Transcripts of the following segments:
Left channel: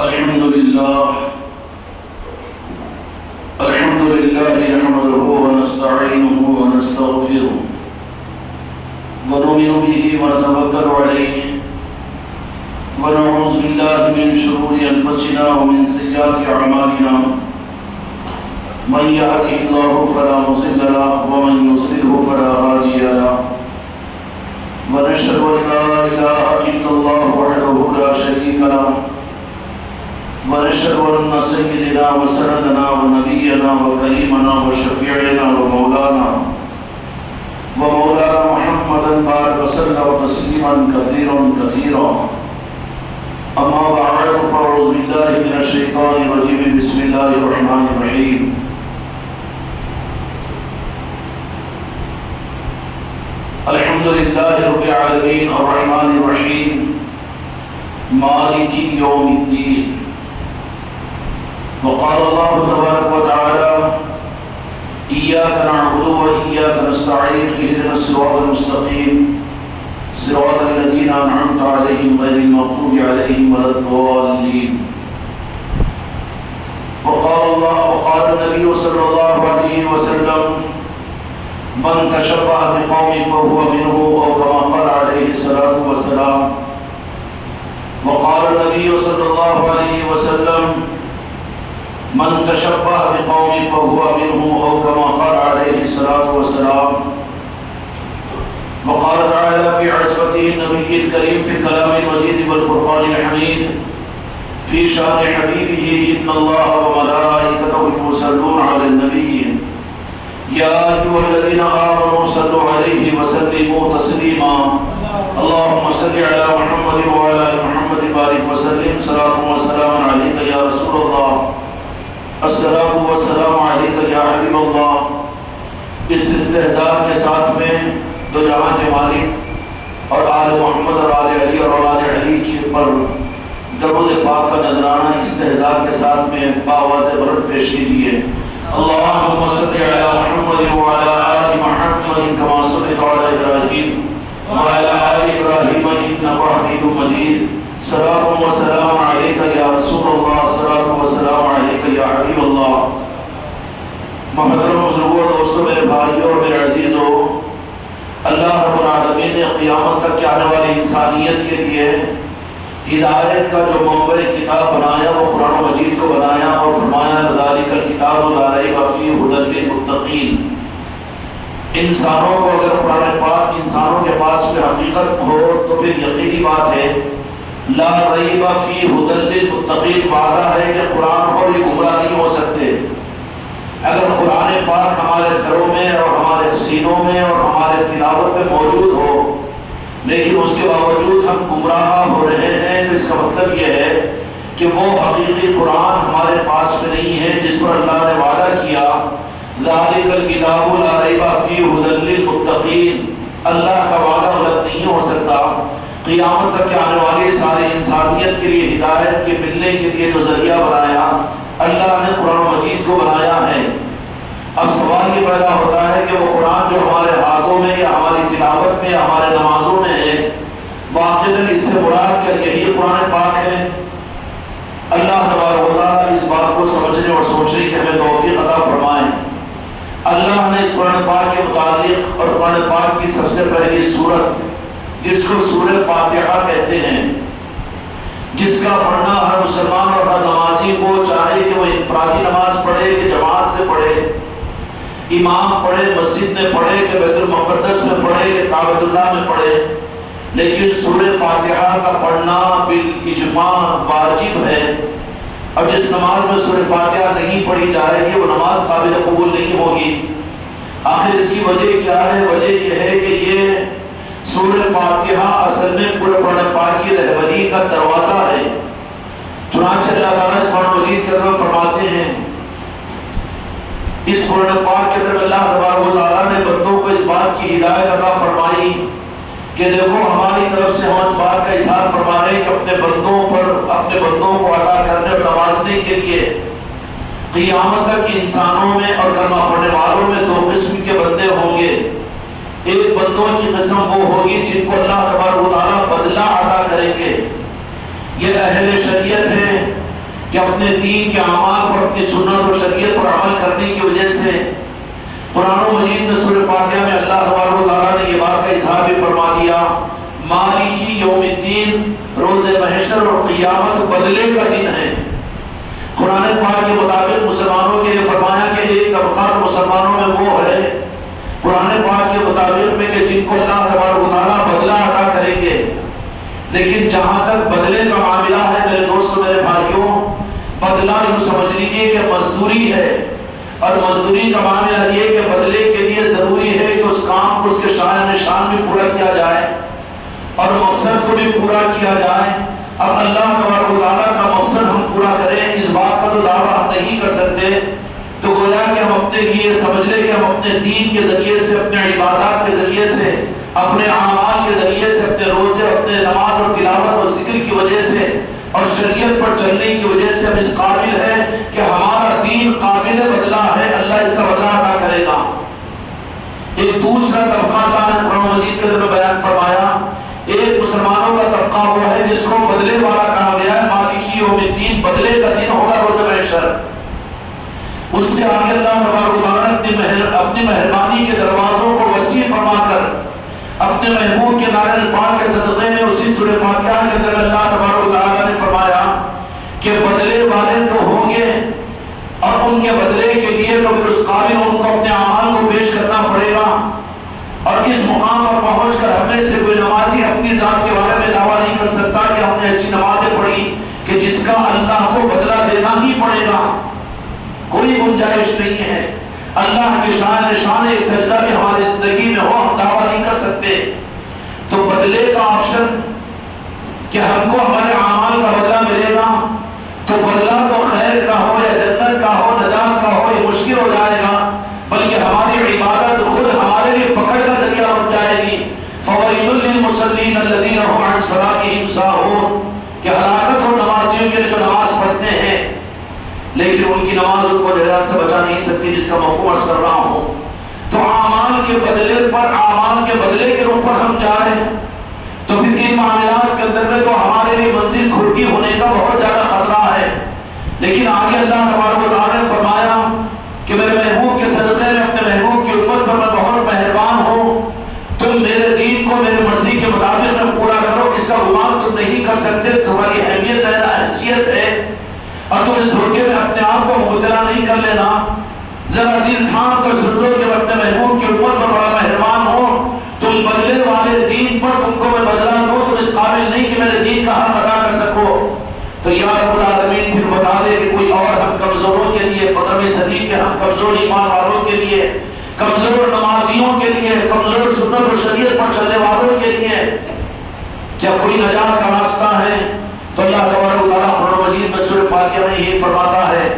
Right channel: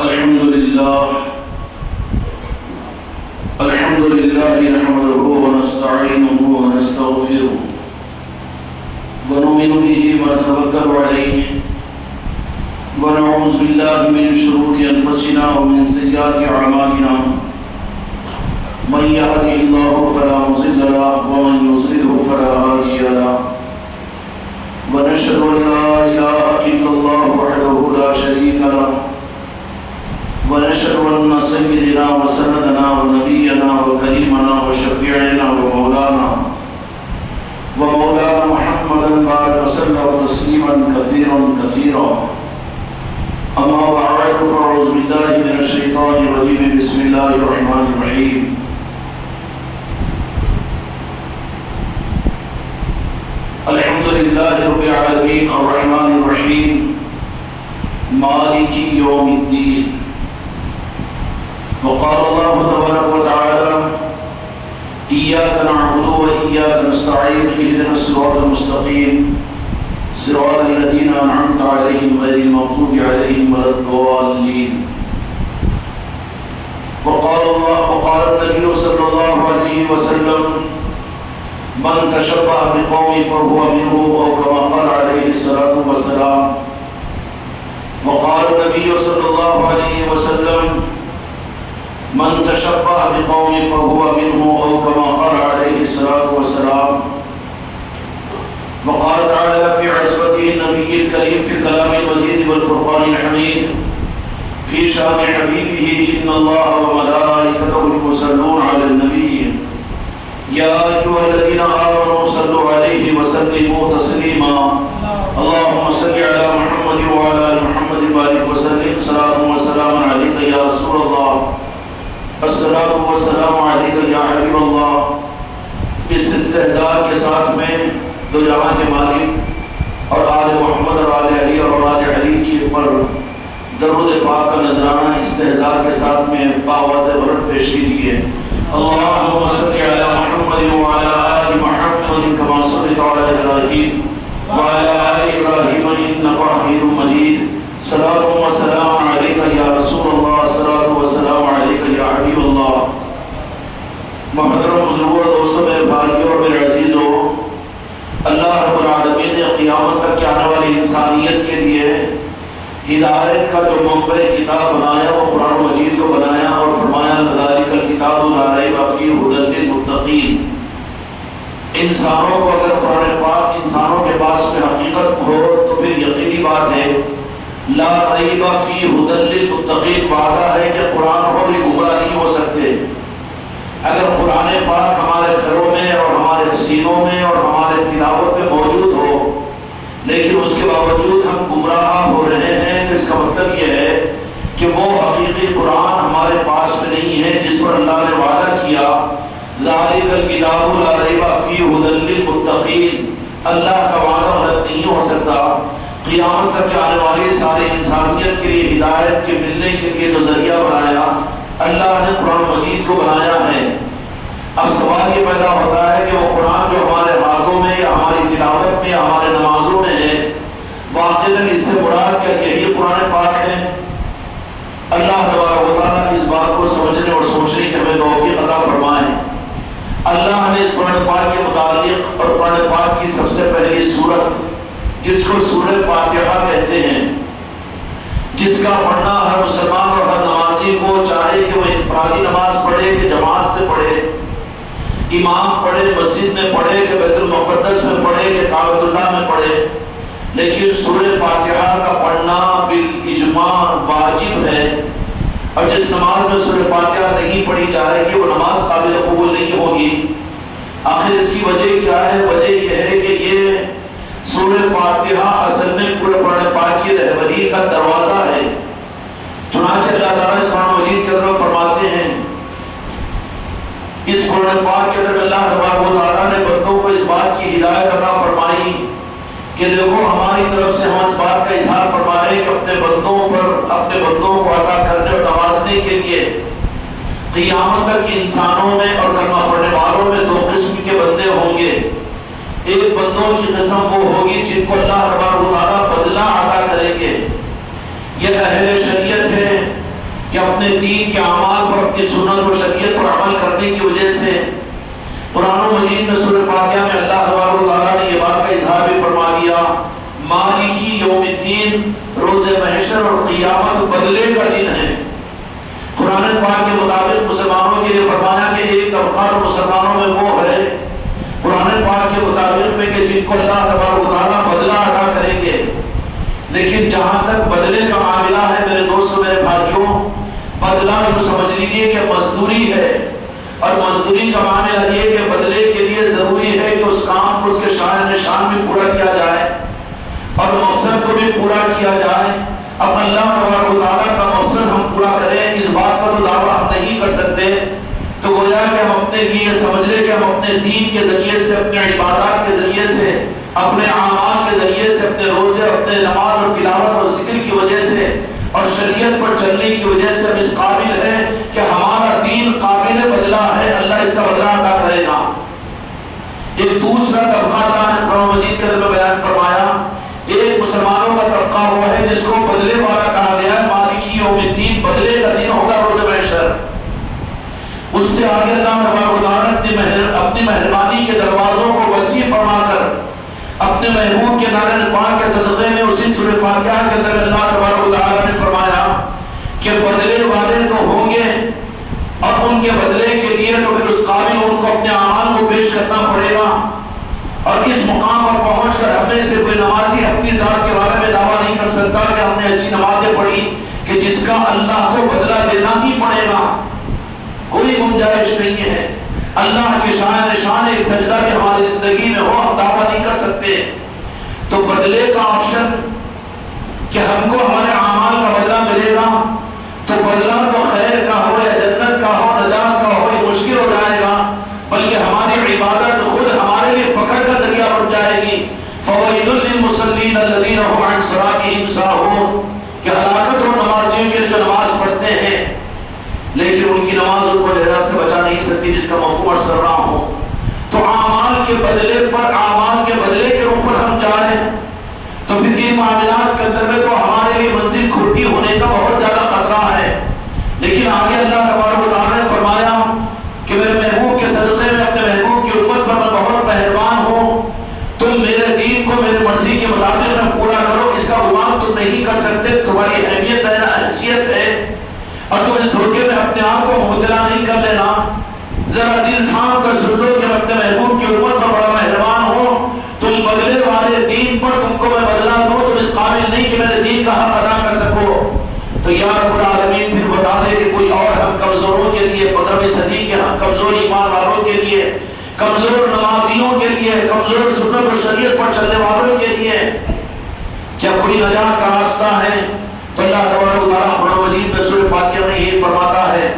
الحمد لله نحمده ونستعينه ونستغفره ونؤمن به ونتوكل عليه ونعوذ بالله من شرور أنفسنا ومن سيئات أعمالنا من يهده الله فلا مضل له ومن يضلل فلا هادي له ونشهد أن لا إله إلا الله وحده لا شريك له ونشهد أن سيدنا وسندنا ونبينا وكريمنا وشفيعنا ومولانا محمدا بارك وسلم تسليما كثيرا أما بعد فأعوذ بالله من الشيطان الرجيم بسم الله الرحمن الرحيم الحمد لله رب العالمين الرحمن الرحيم مالك يوم الدين وقال الله تبارك وتعالى إياك نعبد وإياك نستعين اهدنا الصراط المستقيم صراط الذين أنعمت عليهم غير المغضوب عليهم ولا الضالين وقال النبي صلى الله عليه وسلم من تشبه بقوم فهو منه أو كما قال عليه الصلاة والسلام وقال النبي صلى الله عليه وسلم من تشبه بقوم فهو منه أو كما قال عليه الصلاة والسلام وقال تعالى في عصمته النبي الكريم في الكلام المجيد والفرقان الحميد في شان حبيبه إن الله وملائكته يصلون على النبي يا أيها الذين آمنوا صلوا عليه وسلموا تسليما اللهم صل على محمد وعلى آل محمد بارك وسلم صلاة وسلام عليك يا رسول الله الصلاۃ والسلام علیک یا حبیب اللہ۔ اس استحضار کے ساتھ میں دو جہاں کے مالک اور آل محمد اور آل علی اور اولاد علی کے اوپر درود پاک کا نذرانہ استحضار کے ساتھ میں باواز بلند پیش کیجیے۔ اللہم صل علی محمد وعلی آل محمد کما صلیت علی ابراہیم وعلی آل ابراہیم انک حمید مجید صلاۃ و سلام علیک یا رسول اللہ صلاۃ و سلام علیک یا حبیب اللہ۔ محترم بزرگوں اور دوستوں، میرے بھائیوں اور میرے عزیزوں، اللہ رب العالمین نے قیامت تک کے آنے والی انسانیت کے لیے ہدایت کا جو منبع کتاب بنایا وہ قرآن مجید کو بنایا اور فرمایا ذالک الکتاب لا ریب فیہ ھدی للمتقین۔ انسانوں کو اگر قرآن پاک انسانوں کے پاس میں حقیقت ہو تو پھر یقینی بات ہے لا ریب فیہ ھدی للمتقین، وعدہ ہے کہ قرآن اور یہ گمراہ نہیں ہو سکتے۔ اگر قرآن پاک ہمارے گھروں میں اور ہمارے سینوں میں اور ہمارے تلاوت میں موجود ہو لیکن اس کے باوجود ہم گمراہ ہو رہے ہیں تو اس کا مطلب یہ ہے کہ وہ حقیقی قرآن ہمارے پاس میں نہیں ہے جس پر اللہ نے وعدہ کیا ذالک الکتاب لا ریب فیہ ھدی للمتقین۔ اللہ کا وعدہ غلط نہیں ہو سکتا۔ قیامت تک کے آنے والی ساری انسانیت کے لیے ہدایت کے ملنے کے لیے جو ذریعہ بنایا اللہ نے قرآن مجید کو بنایا ہے۔ اب سوال یہ پیدا ہوتا ہے کہ وہ قرآن جو ہمارے ہاتھوں میں یا ہماری تلاوت میں یا ہمارے نمازوں میں ہے واقعاً اس سے مراد کیا یہی قرآن پاک ہے؟ اللہ تبارک و تعالیٰ اس بات کو سمجھنے اور سوچنے کی ہمیں توفیق عطا فرمائے۔ اللہ نے اس قرآن پاک کے متعلق اور قرآن پاک کی سب سے پہلی سورت جس کو سورہ فاتحہ کہتے ہیں، جس کا پڑھنا ہر مسلمان اور ہر نمازی کو چاہے کہ وہ انفرادی نماز پڑھے کہ جماعت سے پڑھے، امام پڑھے مسجد میں پڑھے کہ بیت المقدس میں پڑھے کہ کعبۃ اللہ میں پڑھے، لیکن سورہ فاتحہ کا پڑھنا بالاجماع واجب ہے۔ اور جس نماز میں سورہ فاتحہ نہیں پڑھی جائے گی وہ نماز قابل قبول نہیں ہوگی۔ آخر اس کی وجہ کیا ہے؟ وجہ یہ ہے کہ یہ سورہ فاتحہ اصل میں پورے قرآن پاک کی رہبری کا دروازہ ہے۔ چنانچہ اللہ تعالیٰ اس قرآن مجید کے اندر فرماتے ہیں، اس قرآن پاک کے اندر اللہ تبارک و تعالیٰ نے بندوں کو اس بات کی ہدایت عطا فرمائی کہ دیکھو ہماری طرف سے ہم اس بات کا اظہار فرما رہے ہیں کہ اپنے بندوں کو عطا کرنے اور نوازنے کے لیے قیامت تک انسانوں میں اور کلمہ پڑھنے والوں میں دو قسم کے بندے ہوں گے۔ ایک بندوں کی قسم وہ ہوگی جن کو اللہ تبارک و تعالیٰ بدلہ عطا کریں گے، یہ اہل شریعت ہے، کہ اپنے دین کے اعمال پر، اپنی سنت و شریعت پر عمل کرنے کی وجہ سے قرآن مجید میں سورہ فاتحہ میں اللہ تبارک و تعالیٰ نے یہ بات کا اظہار بھی فرما دیا، مالکی یوم الدین، روز محشر اور قیامت بدلے کا دن ہے۔ قرآن پاک کے مطابق مسلمانوں کے لیے فرمایا کہ ایک طبقہ مسلمانوں میں وہ ہے، قرآن پاک کے مطابق میں کہ جن کو اللہ تبارک و تعالیٰ بدلہ ادا کریں گے۔ لیکن جہاں تک بدلے کا معاملہ ہے میرے دوستوں، میرے بھائیوں، بدلہ یوں سمجھ لیجیے کہ مزدوری ہے، اور مزدوری کا معاملہ یہ کہ بدلے کے لیے ضروری ہے کہ اس کام کو اس کے شایان نشان بھی پورا کیا جائے اور مقصد کو بھی پورا کیا جائے۔ اب اللہ تبارک و تعالیٰ کا مقصد ہم پورا کریں، اس بات کا تو دعویٰ ہم نہیں کر سکتے، تو گویا کہ ہم اپنے لیے سمجھ لیں کہ ہم اپنے دین کے ذریعے سے، اپنے عبادات کے ذریعے سے، اپنے اعمال کے ذریعے سے، اپنے روزے، اپنے نماز اور تلاوت اور ذکر کی وجہ سے اور شریعت پر چلنے کی وجہ سے ہم اس قابل ہیں کہ ہمارا دین قابل بدلہ ہے، اللہ اس کا بدلہ ادا کرے گا۔ ایک دوسرا طبقہ اللہ نے قرآن مجید کے اندر بیان فرمایا، ایک مسلمانوں کا طبقہ وہ ہے جس کو بدلے والا کہا گیا ہے، مالکی یوم الدین، بدلے کا دن ہوگا روز محشر۔ اس سے آگے اللہ تبارک و تعالیٰ اپنی مہربانی کے دروازوں کو وسیع فرما کر اپنے محبوب کے نام پاک کے صدقے میں اسی سورہ فاتحہ کے اندر اللہ تبارک و تعالیٰ نے فرمایا کہ بدلے والے تو ہوں گے، اور ان کے بدلے کے لیے تو پھر اس قابل ان کو اپنے اعمال کو پیش کرنا پڑے گا۔ اور اس مقام پر پہنچ کر ہمیں سے کوئی نمازی اپنی ذات کے بارے میں دعویٰ نہیں کر سکتا کہ ہم نے ایسی نمازیں پڑھی کہ جس کا اللہ کو بدلہ دینا ہی پڑے گا، کوئی گنجائش نہیں ہے۔ اللہ کی شان نشان ایک سجدہ بھی ہماری زندگی میں ہو، ہم دعویٰ نہیں کر سکتے۔ تو بدلے کا آپشن کہ ہم کو ہمارے اعمال کا بدلہ ملے گا، تو بدلہ تو خیر کا ہو یا جنت کا ہو، نجات کا ہو، یہ مشکل ہو جائے گا، بلکہ ہماری عبادت خود ہمارے لیے پکڑ کا ذریعہ بن جائے گی۔ فَوَيْلٌ لِّلْمُصَلِّينَ الَّذِينَ هُمْ عَنْ صَلَاتِهِمْ سَاهُونَ، کہ ہلاکت ہو نمازیوں کے جو نماز پڑھتے ہیں لیکن ان کی نماز ان کو نجات سے بچا نہیں سکتی، جس کا مفہوم عرض کر رہا ہوں۔ تو اعمال کے بدلے پر، اعمال کے بدلے کے روپ پر ہم جائیں تو پھر ان معاملات کے اندر میں تو ہمارے لیے منزل کھٹی ہونے کا بہت زیادہ خطرہ ہے۔ لیکن آگے اللہ تبارک و تعالیٰ نے فرمایا کہ میرے محبوب کے صدقے میں، اپنے محبوب کی امت پر میں بہت مہربان ہوں، تم میرے دین کو میرے مرضی کے مطابق میں پورا کرو، اس کا گمان تم نہیں کر سکتے، تمہاری اہمیت ہے، حیثیت ہے، اور تم اس دھوکے میں اپنے آپ کو مبتلا نہیں کر لینا۔ ذرا دل تھام کر سن لو کہ میں اپنے محبوب کی امت پر بڑا مہربان ہوں، تم بدلے والے دین پر تم کو میں بدلا دوں، تم اس قابل نہیں کہ میرے دین کا حق ادا کر سکو۔ تو یا رب العالمین پھر بتا دے کہ کوئی اور ہم کمزوروں کے لیے، 15ویں صدی کے ہم کمزور ایمان والوں کے لیے، کمزور نمازیوں کے لیے، کمزور سنت و شریعت پر چلنے والوں کے لیے کیا کوئی نجات کا راستہ ہے؟ تو اللہ تبارک و تعالیٰ قرآن مجید میں سورہ فاتحہ میں یہی فرماتا ہے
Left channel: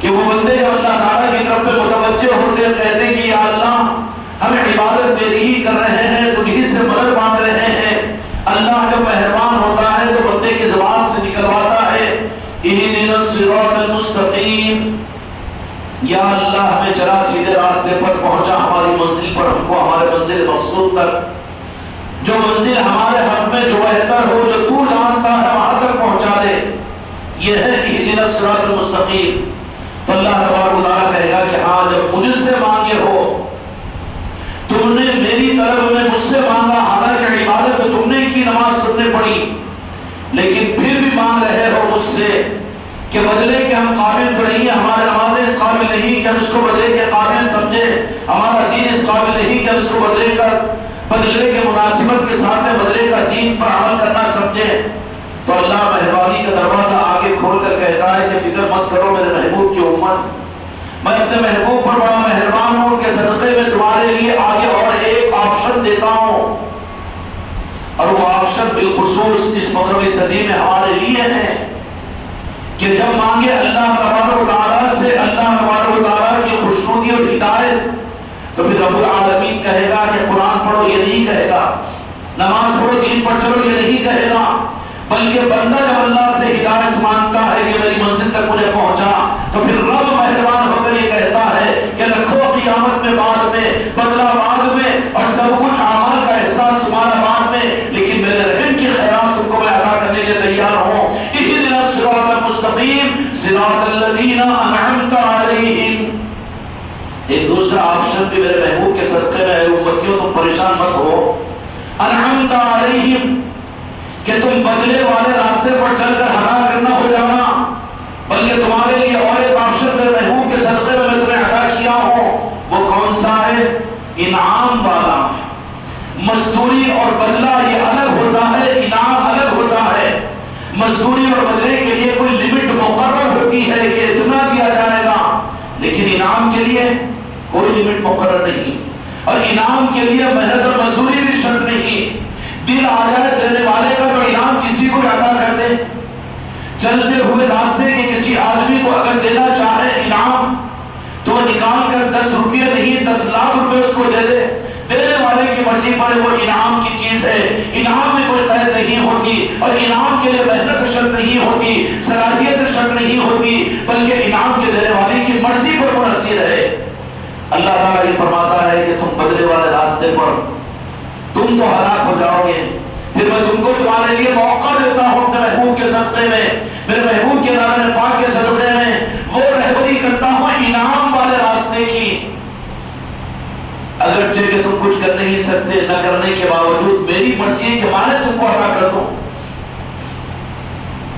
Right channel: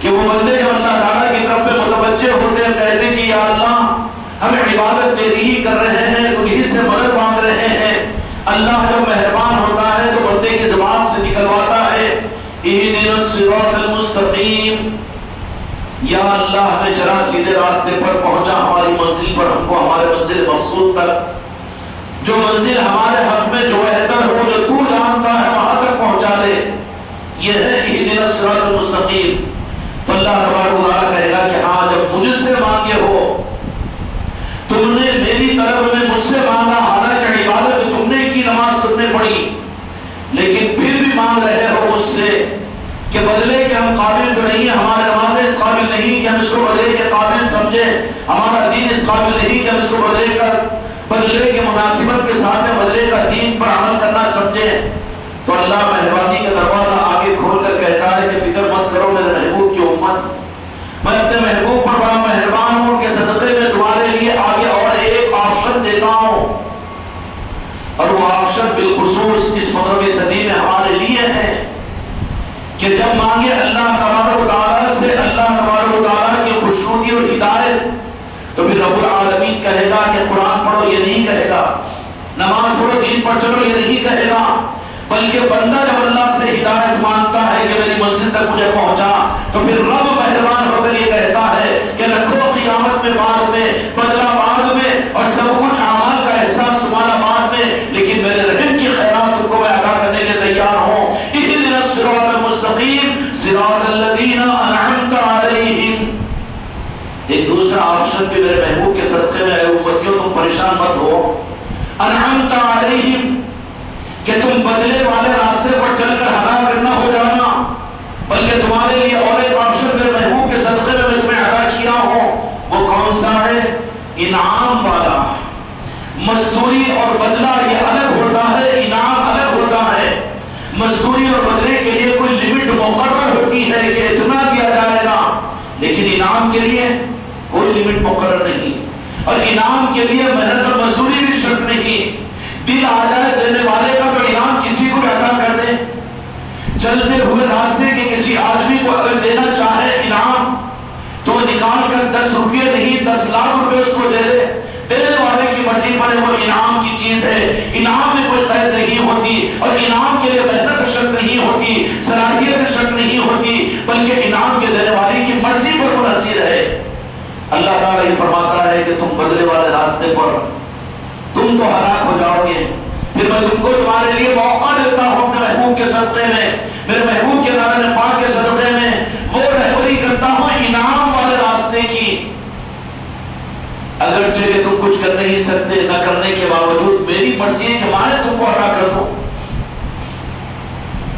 کہ وہ بندے جب اللہ تعالیٰ کی طرف متوجہ ہوتے ہیں، کہتے ہیں کہ یا اللہ ہمیں عبادت تیری ہی کر رہے ہیں، تو یہی سے مدد مانگ رہے ہیں۔ اللہ جب مہربان ہوتا ہے تو بندے کی زبان سے نکلواتا ہے اہدنا الصراط المستقیم، یا اللہ ہمیں چلا سیدھے راستے پر پہنچا، ہماری منزل پر، ہم کو ہمارے منزل مقصود تک، جو منزل ہمارے حق میں جو بہتر ہو، جو تو جانتا ہے، وہاں تک پہنچا دے۔ یہ ہے اہدنا الصراط المستقیم۔ تو اللہ تبارک و تعالیٰ کہے گا کہ ہاں جب مجھ سے مانگے ہو، تم نے میری طرف میں مجھ سے مانگا، حالانکہ عبادت تم نے کی، نماز تم نے پڑھی، لیکن پھر بھی مانگ رہے ہو مجھ سے کہ بدلے کے ہم قابل تو نہیں ہیں، ہمارے نمازیں اس قابل نہیں کہ ہم اس کو بدلے کے قابل سمجھیں، ہمارا دین اس قابل نہیں کہ ہم اس کو بدلے کے مناسبت کے ساتھ بدلے کا دین پر عمل کرنا سمجھیں۔ تو اللہ مہربانی کا دروازہ آگے کھول کر کہتا ہے کہ فکر مت کرو میرے محبوب کی امت، میں اپنے محبوب پر بڑا مہربان ہوں کہ صدقے میں تمہارے لیے آگے اور ایک آپشن دیتا ہوں، اور وہ آپشن بالخصوص اس 15ویں صدی میں ہمارے لیے ہے کہ جب مانگے اللہ تبارک و تعالیٰ سے، اللہ تبارک و تعالیٰ کی خوشنودی اور ہدایت، تو پھر رب العالمین کہے گا کہ قرآن پڑھو، یہ نہیں کہے گا، نماز پڑھو، دین پر چلو، یہ نہیں کہے گا، بلکہ بندہ جب اللہ سے ہدایت مانگتا ہے کہ میری مسجد تک مجھے پہنچا، تو پھر رب مہربان ہو کر یہ کہتا ہے کہ رکھو قیامت میں بعد میں، بدلہ بعد میں، اور سب کچھ اعمال کا احساس تمہارا بعد میں، لیکن میرے رحم کی خیرات تم کو میں ادا کرنے کے تیار ہوں۔ اہدنا آپشن بھی میرے محبوب کے صدقے میں، اے امتیوں تم پریشان مت ہو، انعمت علیہم، کہ تم بدلے والے راستے پر چل کر ہلاک نہ ہو جانا، بلکہ تمہارے لیے اور ایک آپشن میرے محبوب کے صدقے میں تمہیں عطا کیا ہوں۔ وہ کون سا ہے؟ انعام والا۔ مزدوری اور بدلہ یہ الگ ہوتا ہے، انعام الگ ہوتا ہے۔ مزدوری اور بدلے کے لیے کوئی لمٹ مقرر ہوتی ہے کہ اتنا دیا جائے گا، لیکن انعام کے لیے کوئی لمٹ مقرر نہیں، اور انعام کے لیے محنت اور مزدوری بھی شرط نہیں۔ دل آ جائے دینے والے کا تو انعام کسی کو عطا کر دے۔ چلتے ہوئے راستے کے کسی آدمی کو اگر دینا چاہے انعام، تو وہ نکال کر 10 روپیہ نہیں 10 لاکھ روپے اس کو دے دے، دینے والے کی مرضی پر وہ انعام کی چیز ہے۔ انعام میں کوئی قید نہیں ہوتی، اور انعام کے لیے محنت شرط نہیں ہوتی، صلاحیت شرط نہیں ہوتی، بلکہ انعام کے دینے والے کی مرضی پر منحصر ہے۔ اللہ تعالیٰ یہ فرماتا ہے کہ تم بدلے والے راستے پر تم تو ہلاک ہو جاؤ گے، پھر میں تم کو تمہارے لیے موقع دیتا ہوں اپنے محبوب کے صدقے میں، میرے محبوب کے نام پاک کے صدقے میں وہ رہبری کرتا ہوں انعام والے راستے کی۔ اگرچہ کہ تم کچھ کر نہیں سکتے، نہ کرنے کے باوجود میری مرضی ہے کہ میں تم کو عطا کر دوں۔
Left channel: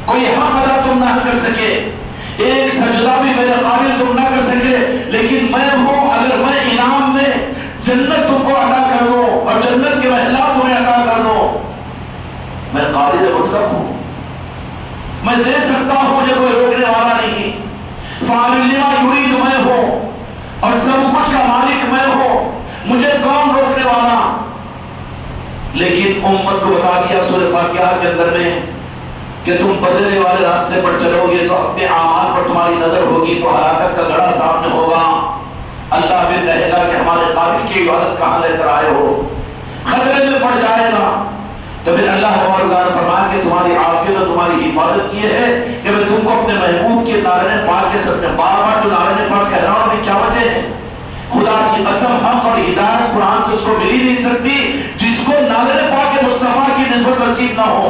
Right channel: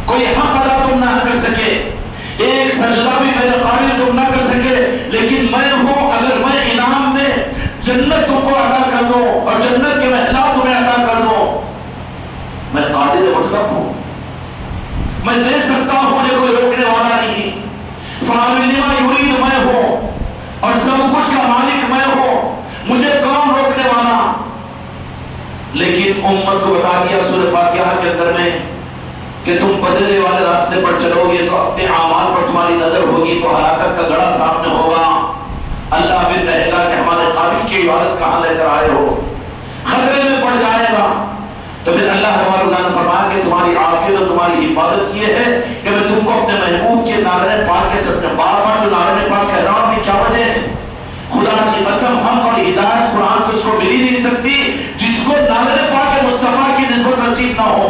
کوئی حق ادا تم نہ کر سکے، ایک سجدہ بھی میرے قابل تم نہ کر سکے، لیکن میں ہوں، اگر میں انعام میں جنت تم کو عطا کر دوں اور جنت کے محلات تمہیں عطا کر دوں، میں قادر مطلق ہوں، میں دے سکتا ہوں، مجھے کوئی روکنے والا نہیں۔ فاعل لما یرید میں ہوں، اور سب کچھ کا مالک میں ہوں، مجھے کون روکنے والا؟ لیکن امت کو بتا دیا سورہ فاتحہ کے اندر میں کہ تم بدلے والے راستے پر چلو گے تو اپنے اعمال پر تمہاری نظر ہوگی، تو ہلاکت کا گڑھا سامنے ہوگا۔ اللہ بھی کہے گا کہ ہمارے قابل کی عبادت کہاں لے کر آئے ہو، خطرے میں پڑ جائے گا۔ تو پھر اللہ نے فرمایا کہ تمہاری عافیت اور تمہاری حفاظت یہ ہے کہ میں تم کو اپنے محبوب کے نارنے پاک کے صدقے، بار بار جو نارنے پاک کہہ رہا ہوں، کیا وجہ ہے؟ خدا کی قسم حق اور ہدایت قرآن سے اس کو مل ہی نہیں سکتی جس کو نارنے پاک کے مصطفیٰ کی نسبت نصیب نہ ہو۔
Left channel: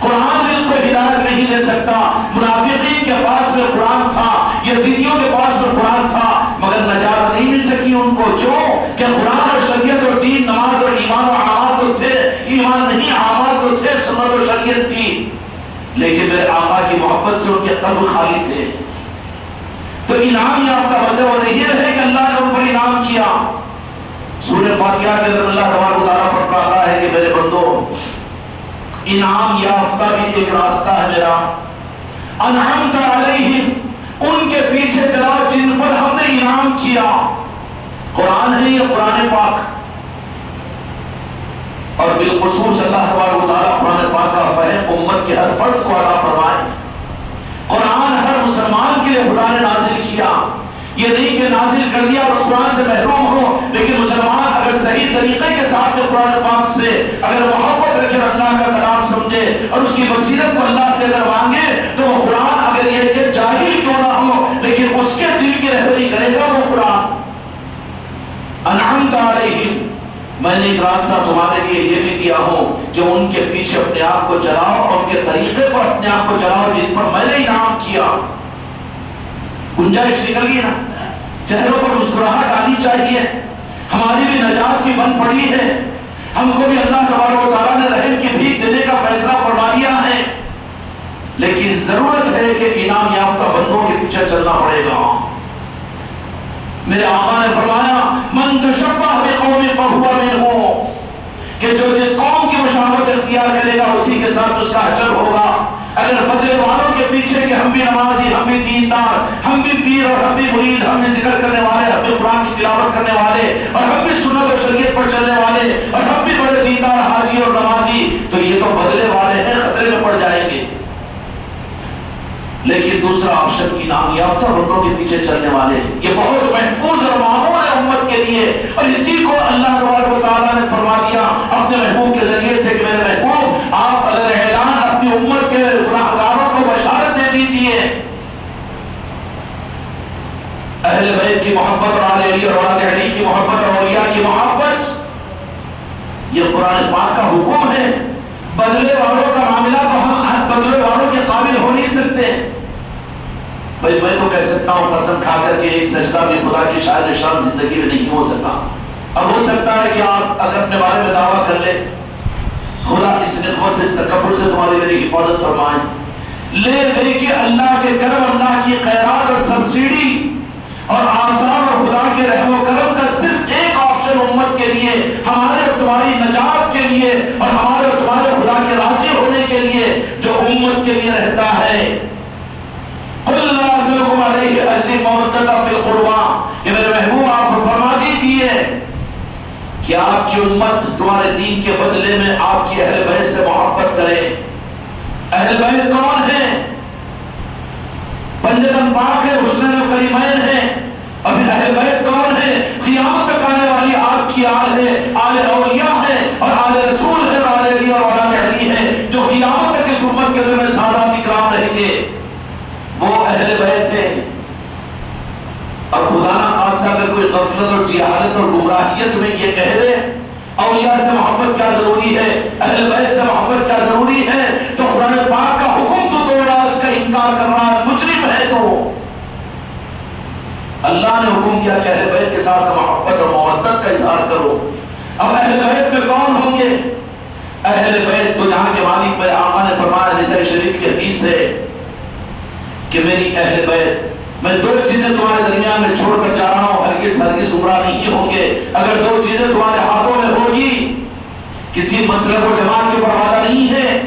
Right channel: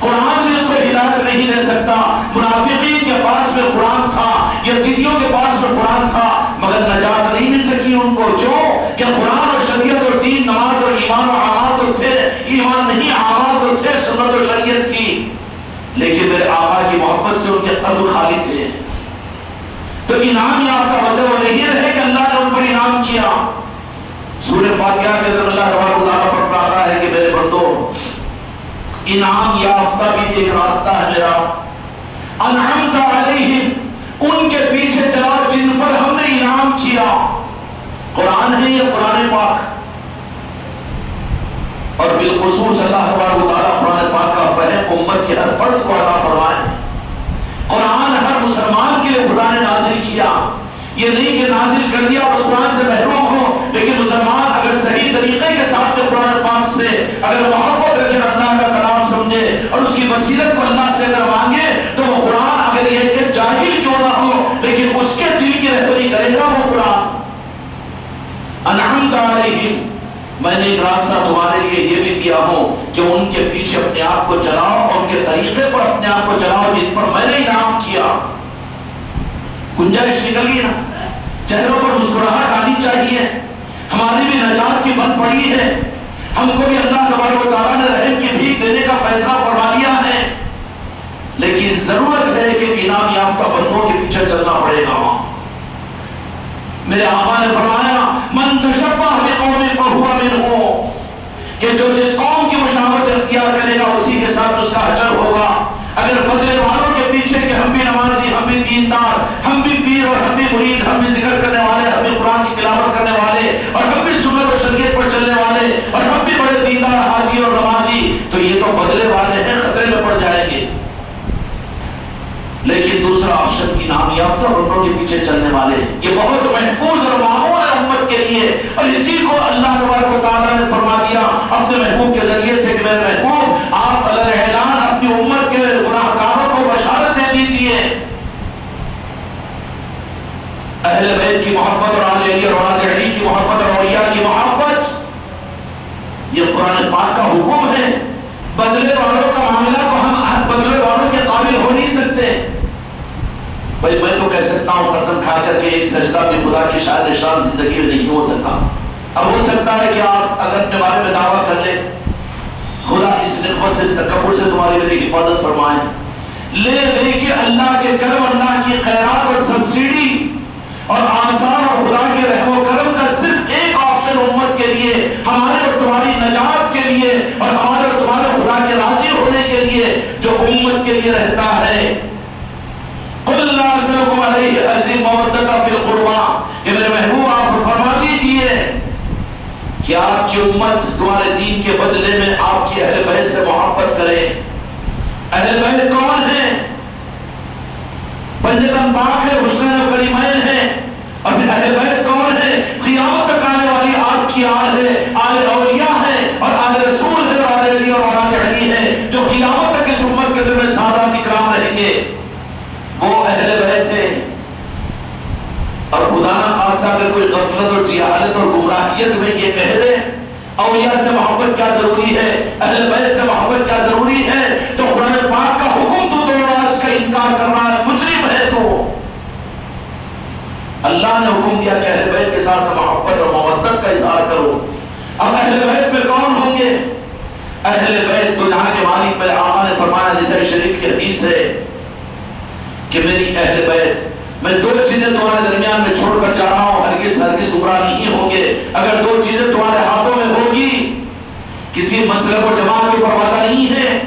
قرآن بھی اس کو ہدایت نہیں دے سکتا۔ منافقین کے پاس میں قرآن تھا، یزیدیوں کے پاس میں قرآن تھا، مگر نجات نہیں مل سکی ان کو۔ کیوں کہ قرآن اور شریعت اور دین، نماز اور ایمان و اعمال تو تھے، ایمان نہیں اعمال تو تھے، سنت اور شریعت تھی، لیکن میرے آقا کی محبت سے ان کے قلب خالی تھے۔ تو انعام یافتہ بندے وہ نہیں رہے کہ اللہ نے ان پر انعام کیا۔ سورہ فاتحہ کے اندر اللہ تبارک و تعالیٰ فرماتا ہے کہ میرے بندو، انعام یافتہ بھی ایک راستہ ہے میرا، انعمت علیہم، ان کے پیچھے چلا جن پر ہم نے انعام کیا۔ قرآن ہے یہ قرآن پاک، اور بالخصوص اللہ تبارک و تعالیٰ قرآن پاک کا فہم امت کے ہر فرد کو عطا فرمائے۔ قرآن ہر مسلمان کے لیے خدا نے نازل کیا، یہ نہیں کہ نازل کر دیا اور اس قرآن سے محروم ہو، لیکن مسلمان اگر صحیح طریقے کے ساتھ قرآن پاک سے اگر محبت رکھے، اللہ کا کلام سمجھے اور اس کی بصیرت کو اللہ سے اگر مانگے، تو وہ قرآن اگر یہ کہ جاہل کیوں نہ ہو لیکن اس کے دل کی رہبری کرے گا وہ قرآن۔ انعمت علیہم، میں نے ایک راستہ تمہارے لیے یہ بھی دیا ہوں کہ ان کے پیچھے اپنے آپ کو چلاؤ اور ان کے طریقے پر اپنے آپ کو چلاؤ جن پر میں نے انعام کیا۔ گنجائش نکل گئی نا؟ چہروں پر مسکراہٹ آنی چاہیے، ہماری بھی نجات کی بن پڑی ہے، ہم کو بھی اللہ تبارک و تعالیٰ نے رحم کی بھیک دینے کا فیصلہ فرما لیا ہے، لیکن ضرورت ہے کہ انعام یافتہ بندوں کے پیچھے چلنا پڑے گا۔ میرے آقا نے فرمایا من تشبہ بقوم فہو منہم، کہ جو جس قوم کی مشابہت اختیار کرے گا اسی کے ساتھ اس کا اجر ہوگا۔ اگر بدلے والوں کے پیچھے کہ ہم بھی نمازی، ہم بھی دیندار، ہم بھی پیر اور ہم بھی مرید، ہم بھی ذکر کرنے والے، ہم بھی قرآن کی تلاوت کرنے والے، اور ہم بھی سنت اور شریعت پر چلنے والے، اور ہم بھی بڑے دیندار حاجی اور نمازی، تو یہ تو بدلے والے ہیں، خطرے میں پڑ جائیں گے۔ لیکن دوسرا آپشن انعام یافتہ بندوں کے پیچھے چلنے والے، یہ بہت محفوظ اور معمول ہے امت کے لیے، اور اسی کو اللہ تبارک و تعالیٰ نے فرما دیا اپنے محبوب کے ذریعے سے کہ میرے محبوب آپ اگر اعلان اپنی امت کے گناہ گاروں کو بشارت دے دیجئے۔ اہل بیت کی محبت اور آل علی اور اولاد علی کی محبت اور اولیاء کی محبت، یہ قرآن پاک کا حکم ہے۔ بدلے والوں کا معاملہ تو ہم بدلے والوں کے قابل ہو نہیں سکتے، بھائی میں تو کہہ سکتا ہوں قسم کھا کر کے ایک سجدہ بھی خدا کی شاعر نشان زندگی میں نہیں ہو سکتا. اب ہو سکتا ہے کہ آپ اگر اپنے بارے میں دعویٰ کر لیں, خدا اس نخوت سے اس تکبر سے تمہاری میری حفاظت فرمائے, لے گئی کہ اللہ کے کرم, اللہ کی خیرات اور سبسڈی اور آسان اور خدا کے رحم و کرم کا صرف ایک آپشن امت کے لیے, ہمارے اور تمہاری نجات کے لیے اور ہمارے اور تمہارے خدا کے راضی ہونے کے لیے جو امت کے لیے رہتا ہے. قل لا اسألكم علیہ اجر مودۃ فی القربى, کہ میرے محبوب آپ فرما دیجئے کہ آپ کی امت تمہارے دین کے بدلے میں آپ کی اہل بیت سے محبت کرے. اہل بیت کون ہیں؟ پنجتن پاک ہے, حسنین و کریمین ہیں. اور پھر اہل بیت کون ہے؟ قیامت تک آنے والی آپ کی آل ہے, آل اولیاء ہے اور آل رسول ہے اور آل علی اور آل علی ہے, جو قیامت تک اس امت کے دل میں سادات اکرام رہیں گے. وہ اہل بیت ہے. اور خدا نہ خاصہ اگر کوئی غفلت اور جہالت اور گمراہیت میں یہ کہہ دے اولیاء سے محبت کیا ضروری ہے, اہل بیت سے محبت کیا ضروری ہے, تو قرآن پاک کا حکم تو توڑ رہا, اس کا انکار کر رہا ہے, مجرم ہے. تو اللہ نے حکم دیا کہ اہل بیت کے ساتھ محبت اور مودت کا اظہار کرو. اب اہل بیت میں کون ہوں گے؟ اہل بیت تو یہاں کے مالک میرے آقا نے فرمایا نسائی شریف کی حدیث سے کہ میری اہل بیت, میں دو چیزیں تمہارے درمیان میں چھوڑ کر جا رہا ہوں, ہرگز ہرگز گمراہ نہیں ہوں گے. اگر دو چیزیں تمہارے ہاتھوں میں ہوگی, کسی مسلک و جماعت کے اوپر وعدہ نہیں ہے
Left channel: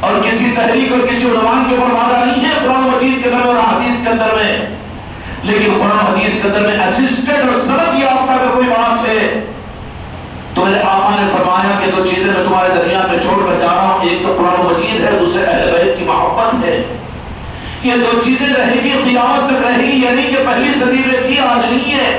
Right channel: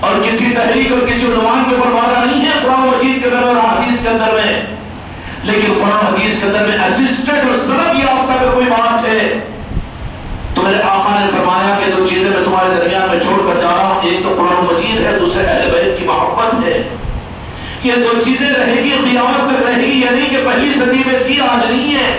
اور کسی تحریک اور کسی عنوان کے اوپر وعدہ نہیں ہے قرآن مجید کے اندر اور حدیث کے اندر میں, لیکن قرآن حدیث کے اندر میں اسسٹڈ اور سند یافتہ اگر کوئی بات ہے تو میرے آقا نے فرمایا کہ دو چیزیں میں تمہارے درمیان میں چھوڑ کر جا رہا ہوں, ایک تو قرآن مجید ہے, دوسرے اہل بیت کی محبت ہے. یہ دو چیزیں رہے گی, قیامت تک رہے گی. یعنی کہ پہلی صدی میں تھی, آج نہیں ہے,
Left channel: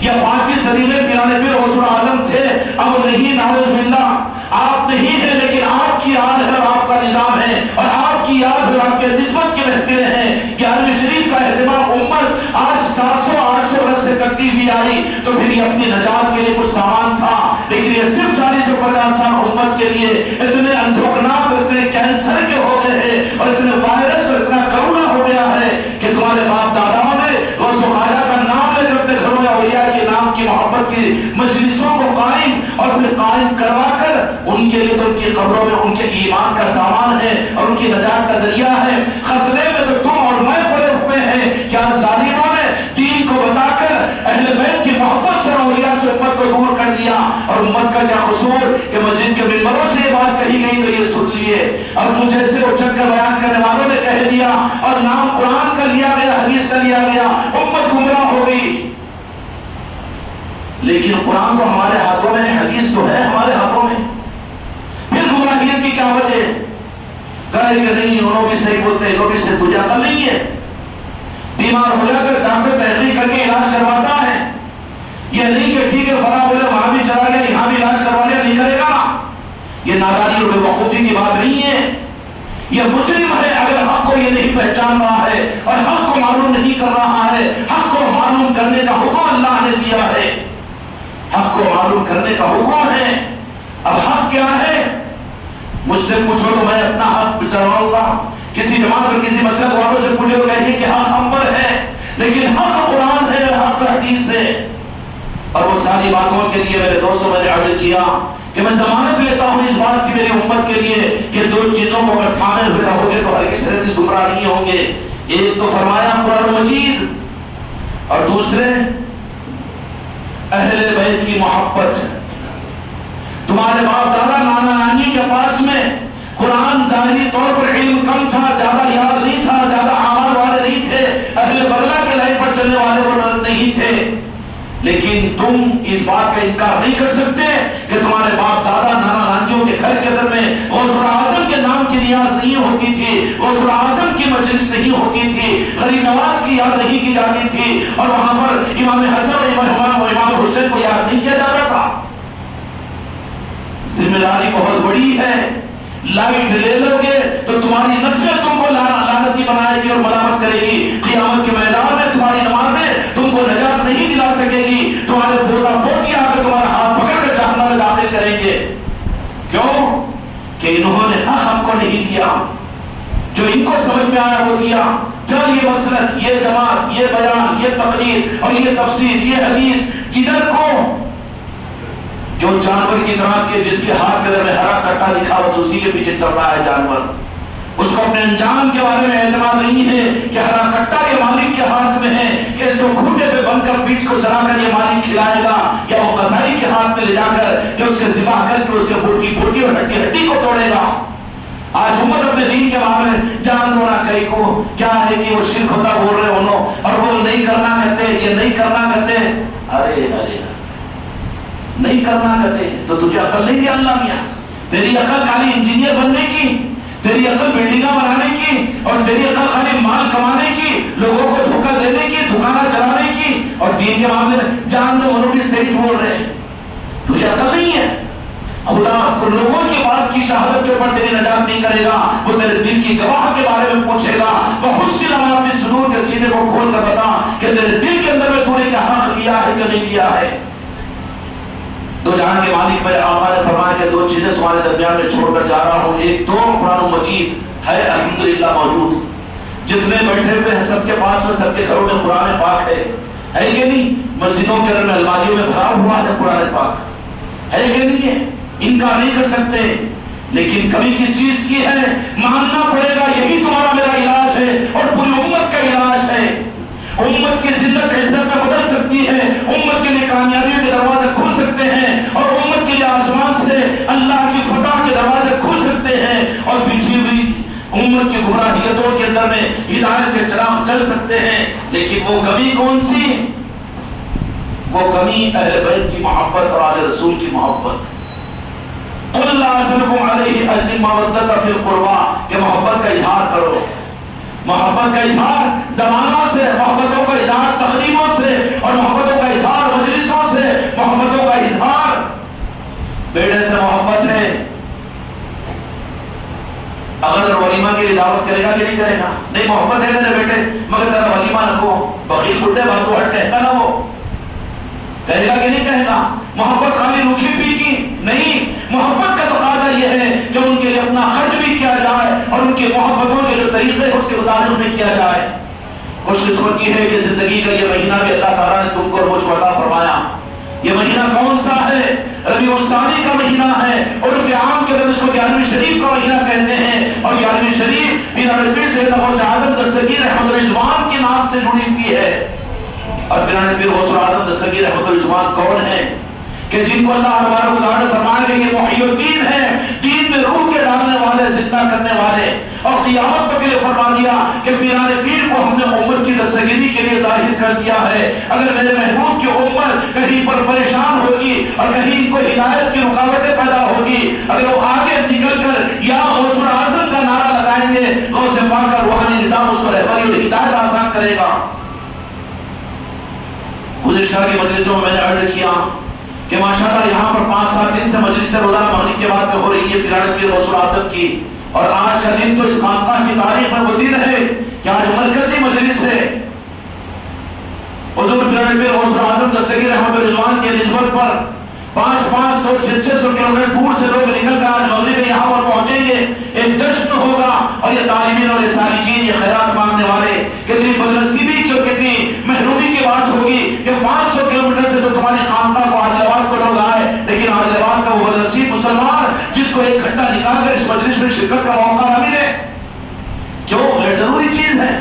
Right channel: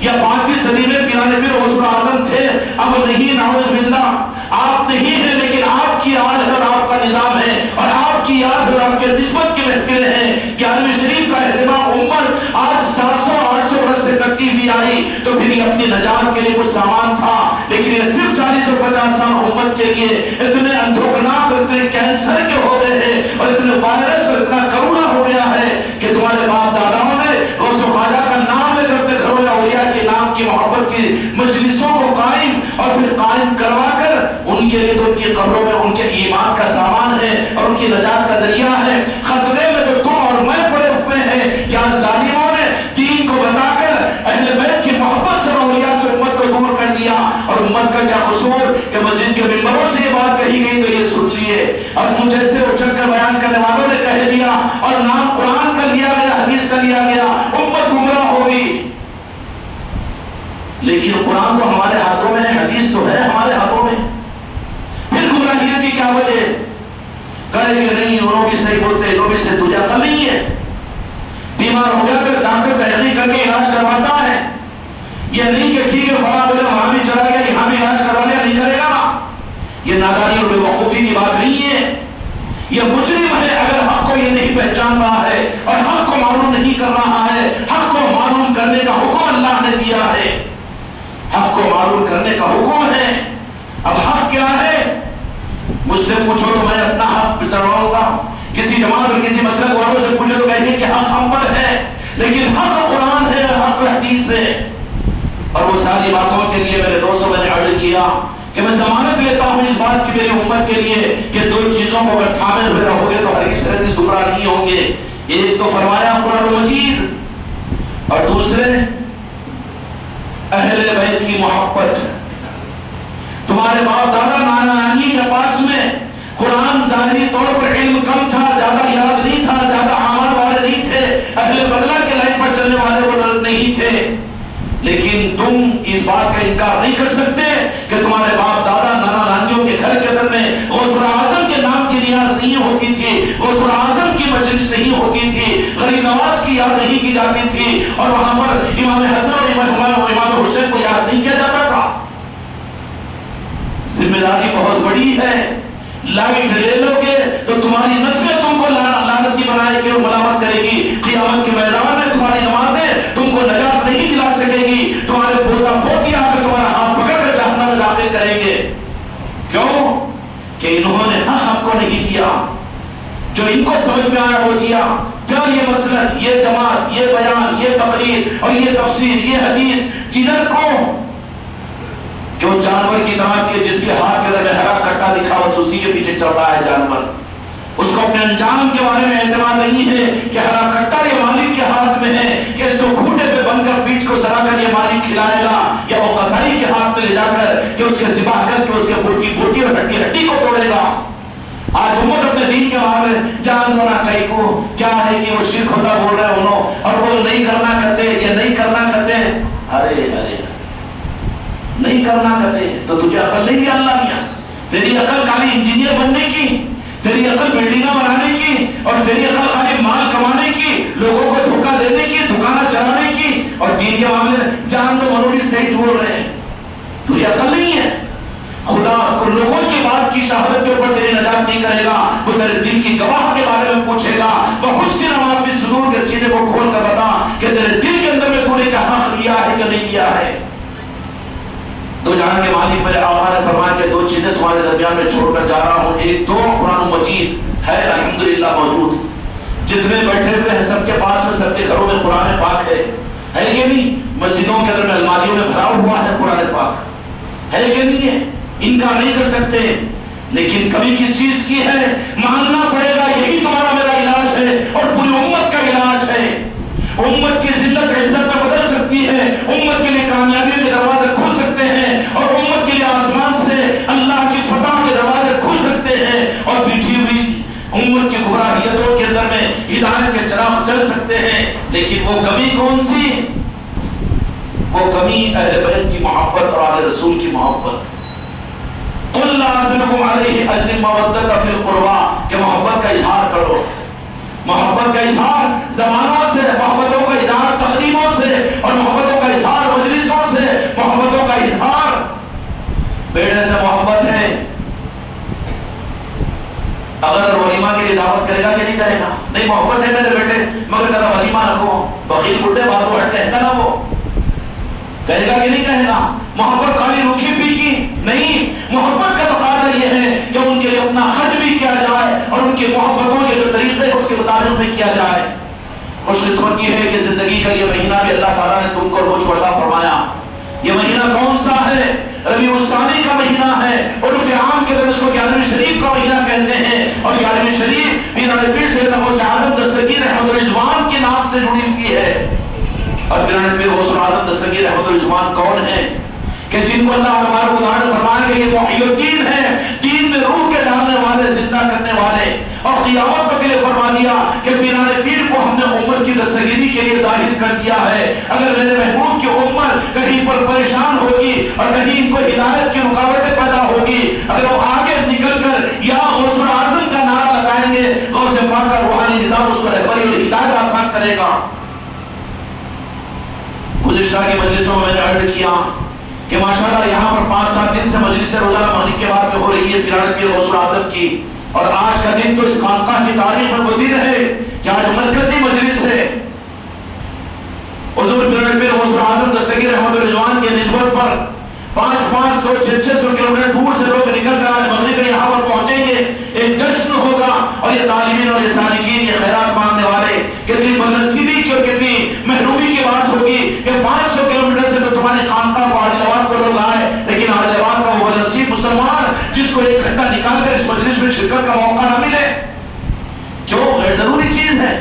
یا 5ویں صدی میں پیرانے پیر غوث اعظم تھے, اب نہیں, نعوذ باللہ. آپ نہیں ہیں لیکن آپ کی آل ہے اور آپ کا نظام ہے اور آپ کی یاد اور آپ کے نسبت کی محفلیں ہیں. کہ عالم شریف کا اہتمام امت آج 700-800 برس سے کرتی ہوئی آئی, تو پھر یہ اپنی نجات کے لیے کچھ سامان تھا, لیکن یہ صرف 40 اور 50 سال امت کے لیے اتنے اندھوکناک اور اتنے کینسر کے ہو گئے ہیں اور اتنے وائرس اور اتنا کرونا ہو گیا ہے کہ تمہارے باپ داداؤں نے غوث و خواجہ کا نام لے کر اپنے گھروں میں اولیاء کے نام کی محبت کی مجلسوں کو قائم اور پھر قائم کروا کر ان کے لیے تو ان کی قبروں میں ان کے ایمان کا سامان ہے اور ان کی نجات کا ذریعہ ہے. خطرے میں تو تم اور میں پڑے ہوئے ہیں. کیا ظالموں نے دین کو بتا کر اہل بیت کی محبت سے اولیاء سے امت کو دور کر دیا, اور امت کا کیا قصور کہ مسجد کے ممبروں سے یہ بات کہی گئی تو یہ سن لیے, اور مجھے سے اچک کر بیان کرنے والوں نے کہہ دیا اور نام قرآن کا لیا گیا, حدیث کا لیا گیا, امت گمراہ ہو گئی. لیکن قرآن تو ہمارے ہاتھوں میں ہے, حدیث تو ہے ہمارے ہاتھوں میں, پھر گمراہیت کی کیا وجہ؟ کہے کہ نہیں انہوں بھی صحیح بولتے, انہوں بھی صحیح, تجھے عقل نہیں ہے. بیمار ہو جا کر ڈاکٹر تحقیق کر کے علاج کرواتا ہے, یہ نہیں کہ ٹھیک ہے فلاں بولے وہاں بھی چلا گیا یہاں بھی علاج کروا لیا, نہیں کرے گا. یہ نادانی اور بے وقوفی کی بات نہیں ہے, یہ مجرم ہے اگر حق کو یہ نہیں پہچان رہا ہے اور حق کو معلوم نہیں کر رہا ہے. حق کو معلوم کرنے کا حکم اللہ نے دیا ہے, حق کو معلوم کرنے کا حکم ہے. اب حق کیا ہے؟ مجھ سے پوچھو تو میں اپنا حق بتاؤں گا, کسی جماعت اور کسی مسلک والوں سے پوچھو تو کہیں کہ حق ہم پر ہے, لیکن حق قرآن ہے, حق حدیث ہے. اور وہ ساری باتوں کے لیے میرے دوستوں میں نے عرض کیا کہ میں ضمانت لیتا ہوں اس بات کی میری امت کے لیے کہ دو چیزوں کو اگر تھامے ہوئے رہو گے تو ہرگز ہرگز گمراہ نہیں ہوں گے. ایک تو فرمایا قرآن مجید اور دوسرے اہل بیت کی محبت. تمہارے باپ دادا نانا نانی کے پاس میں قرآن ظاہری طور پر علم کم تھا, زیادہ یاد نہیں تھا, زیادہ عمل والے نہیں تھے, اہل بدلہ کے لائن پر چلنے والے وہ لوگ نہیں تھے, لیکن تم اس بات کا انکار نہیں کر سکتے کہ تمہارے باپ دادا نانا نانیوں کے گھر کے اندر میں غوث اعظم کے نام کی نیاز نہیں ہوتی تھی, غوث اعظم کی مجلس نہیں ہوتی تھی, غریب نواز کی یاد نہیں کی جاتی تھی, اور وہاں پر امام حسن اور امام حسین کو یاد نہیں کیا جاتا تھا. ذمہ داری بہت بڑی ہے. لائٹ لے لو گے تو تمہاری نسلیں تم کو لعنتی بنائے گی اور ملامت کرے گی. قیامت کے میدان میں تمہاری نمازیں تم کو نجات نہیں دلا سکے گی. تمہارے پوتا پوتی آ کر تمہارا ہاتھ پکڑ کر جہنم میں داخل کریں گے. کیوں؟ کہ انہوں نے حق ہم کو نہیں دیا, جو ان کو سمجھ میں آیا وہ دیا. جا یہ مسلک، یہ جماعت، یہ بیان، یہ تقریر اور یہ تفسیر، یہ حدیث جدھر کو کہ وہ جانور کی نماز کے جس کے ہاتھ کے در میں ہرا کٹا دکھا بس اسی کے پیچھے چل رہا ہے جانور. اس کو اپنے انجام کے بارے میں اعتماد نہیں ہے کہ ہرا کٹا یہ مالک کے ہاتھ میں ہے کہ اس کو گھوٹے پہ بن کر پیٹھ کو سرا کر یہ مالک کھلائے گا، یا وہ قصائی کے ہاتھ میں لے جا کر کہ اس کے ذبح کر کے اس کے بوٹی اور ہڈی ہڈی کو توڑے گا. آج امت اپنے دین کے بارے میں جان دو نہ کئی کو کیا ہے کہ وہ شرک ہوتا بول رہے انہوں اور وہ نہیں کرنا کہتے، یہ نہیں کرنا کہتے. ارے ارے نہیں کرنا کہتے تو تجھے عقل نہیں دی اللہ میاں. تیری عقل خالی انجینئر بننے کی، تیری عقل بلڈنگاں بنانے کی، اور تیری عقل خالی مال کمانے کی، لوگوں کو دھوکہ دینے کی، دکانہ چلانے کی، اور دین کے معاملے میں جان دو منوری صحیح بول رہے ہیں. تجھے عقل نہیں ہے. خدا کو لوگوں کی بات کی شہادت کے اوپر تیری نجات نہیں کرے گا، وہ تیرے دل کی گواہ کے بارے میں پوچھے گا. وَحُسِّنَ مَا فِي الصُّدُورِ کے سینے کو کھول کر بتا کہ تیرے دل کے اندر میں تو نے کیا حق لیا ہے کہ نہیں لیا ہے. دو جہاں کے مالک میرے آقا نے فرمایا کہ دو چیزیں تمہارے درمیان میں چھوڑ کر جا رہا ہوں. ایک تو قرآن مجید ہے الحمدللہ موجود، جتنے بیٹھے ہوئے ہیں سب کے پاس میں، سب کے گھروں میں قرآن پاک ہے کہ نہیں؟ مسجدوں کے اندر میں الماریوں میں بھرا ہوا ہے قرآن پاک ہے کہ نہیں ہے؟ انکار نہیں کر سکتے. لیکن کمی کس چیز کی ہے؟ ماننا پڑے گا یہی تمہارا میرا علاج ہے اور پوری امت کا علاج ہے. امت کی ذلت عزت میں بدل سکتی ہے، امت کے لیے کامیابی کے دروازے کھل سکتے ہیں، اور امت کے لیے آسمان سے اللہ کی فتح کے دروازے کھل سکتے ہیں، اور پیچھے ہوئی امت کی گمراہیتوں کے اندر میں ہدایت کے چراغ جل سکتے ہیں. لیکن وہ کمی کون سی؟ وہ کمی اہل بیت کی محبت اور آل رسول کی محبت. قُلْ لَا أَسْأَلُكُمْ عَلَيْهِ أَجْرًا مَّوَدَّةً فِي الْقُرْبَىٰ کہ محبت کا اظہار کرو. محبت کا اظہار زمانوں سے، محبتوں کا اظہار تقریبوں سے، اور محبتوں کا اظہار مجلسوں سے، محبتوں کا اظہار بیٹے سے محبت ہے. اگر ولیمہ کے لیے دعوت کرے گا کہ نہیں کرے گا؟ نہیں، محبت ہے میرے بیٹے مگر تیرا ولیمہ رکھو. بخیل بڈھے بازو ہٹ کہتا نا، وہ کہے گا کہ نہیں کہے گا؟ محبت خالی روکھی پھیکی نہیں، محبت کا تقاضا یہ ہے کہ ان کے لیے اپنا خرچ بھی کیا جائے اور ان کی محبتوں کے جو طریقے اس کے مطابق بھی کیا جائے. خوش قسمتی ہے کہ زندگی کا یہ مہینہ بھی اللہ تعالیٰ نے تم کو روز عطا فرمایا. یہ مہینہ کون سا ہے؟ ربیع الثانی کا مہینہ ہے، اور اس عام کے اندر اس کو 11ویں شریف کا مہینہ کہتے ہیں. اور 11ویں شریف پیران پیر سیدنا غوث اعظم دستگیر رحمۃ الرضوان کے نام سے جڑی ہوئی ہے. اور پیران پیر غوث اعظم دستگیر رحمۃ الرضوان کون ہے؟ کہ جن کو اللہ تبارک و تعالیٰ نے فرمایا کہ یہ محی الدین ہے، دین میں روح کے ڈالنے والے، زندہ کرنے والے. اور قیامت تک کے لیے فرما دیا کہ پیران پیر کو ہم نے امت کی دستگیری کے لیے ظاہر کر دیا ہے. اگر میرے محبوب کی امت کہیں پر پریشان ہوگی اور کہیں ان کو ہدایت کی رکاوٹیں پیدا ہوگی، اگر وہ آگے نکل کر یا غوث اعظم کا نعرہ لگائیں گے، غوث پاک کا روحانی نظام اس کو رہبری اور ہدایت آسان کرے گا. گزشتہ کی مجلسوں میں نے عرض کیا کہ ماشاءاللہ یہاں پر 5-7 دن سے مجلس روزانہ مغرب کے بعد میں ہو رہی ہے پیران پیر غوث اعظم کی. اور آج کا دن تو اس خانقاہ کی تاریخ میں وہ دن ہے کہ آج مرکزی مجلس ہے. حضور پیران پیر غوث اعظم دستگیر رحمۃ الرضوان کی نسبت پر 500 600 کلومیٹر دور سے لوگ نکل کر آج مغرب میں یہاں پر پہنچیں گے. ایک جشن ہوگا اور یہ طالبین اور یہ سالکین، یہ خیرات مانگنے والے، کتنی بدنصیبی کی اور کتنی محرومی کی بات ہوگی کہ 500 کلومیٹر سے تو تمہاری خانقاہ کو عادل آباد کو لوگ آئے، لیکن عادل آباد کا وہ بدنصیب مسلمان جس کو ایک گھنٹہ نکال کر اس مجلس میں شرکت کا موقع نہ ملے. کیوں؟ غیر ضروری چیز ہے،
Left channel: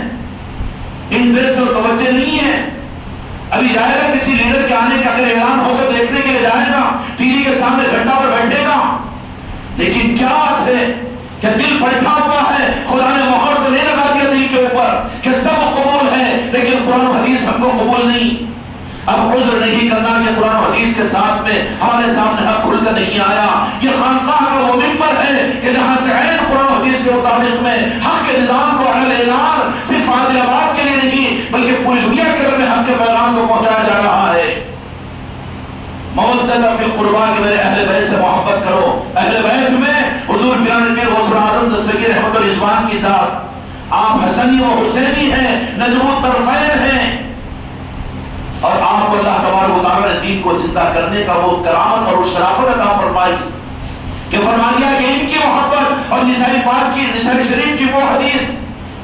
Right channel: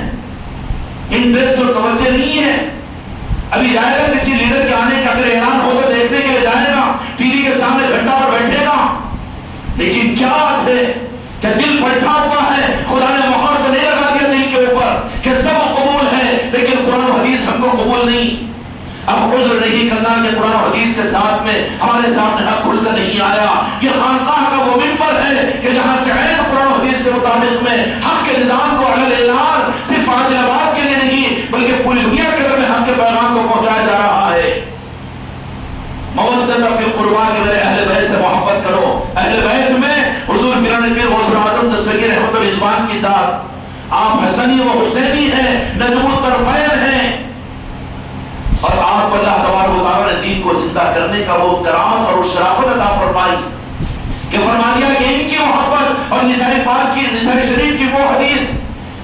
انٹرسٹ اور توجہ نہیں ہے. ابھی جائے گا کسی لیڈر کے آنے کا اگر اعلان ہو تو دیکھنے کے لیے جائے گا، ٹی وی کے سامنے گھنٹہ پر بیٹھے گا. لیکن کیا بات ہے کہ دل بیٹھا ہوا ہے. خدا نے مہر تو نہیں لگا دیا دل کے اوپر کہ سب قبول ہے، لیکن قرآن و حدیث ہم کو قبول نہیں. اب عذر نہیں کرنا کہ قرآن و حدیث کے ساتھ میں ہمارے سامنے حق کھل کر نہیں آیا. یہ خانقاہ کا وہ منبر ہے کہ جہاں سے عین قرآن و حدیث کے مطابق میں حق کے نظام کو عمل اعلان صرف عادل آباد کے لیے نہیں بلکہ پوری دنیا کے اندر میں حق کے پیغام کو پہنچایا جا رہا ہے. مودۃ فی القربیٰ کہ میرے اہل بیت سے محبت کرو. اہل بیت میں حضور پیران پیر غوث اعظم دستگیر رحمۃ الرضوان کی ذات، آپ حسنی و حسینی ہیں، نجم الطرفین ہیں، اور آپ کو اللہ تبارک و تعالیٰ نے دین کو زندہ کرنے کا وہ کرامت اور شرافت عطا فرمائی کہ فرما دیا کہ ان کی محبت اور نسائی پاک کی، نسائی شریف کی وہ حدیث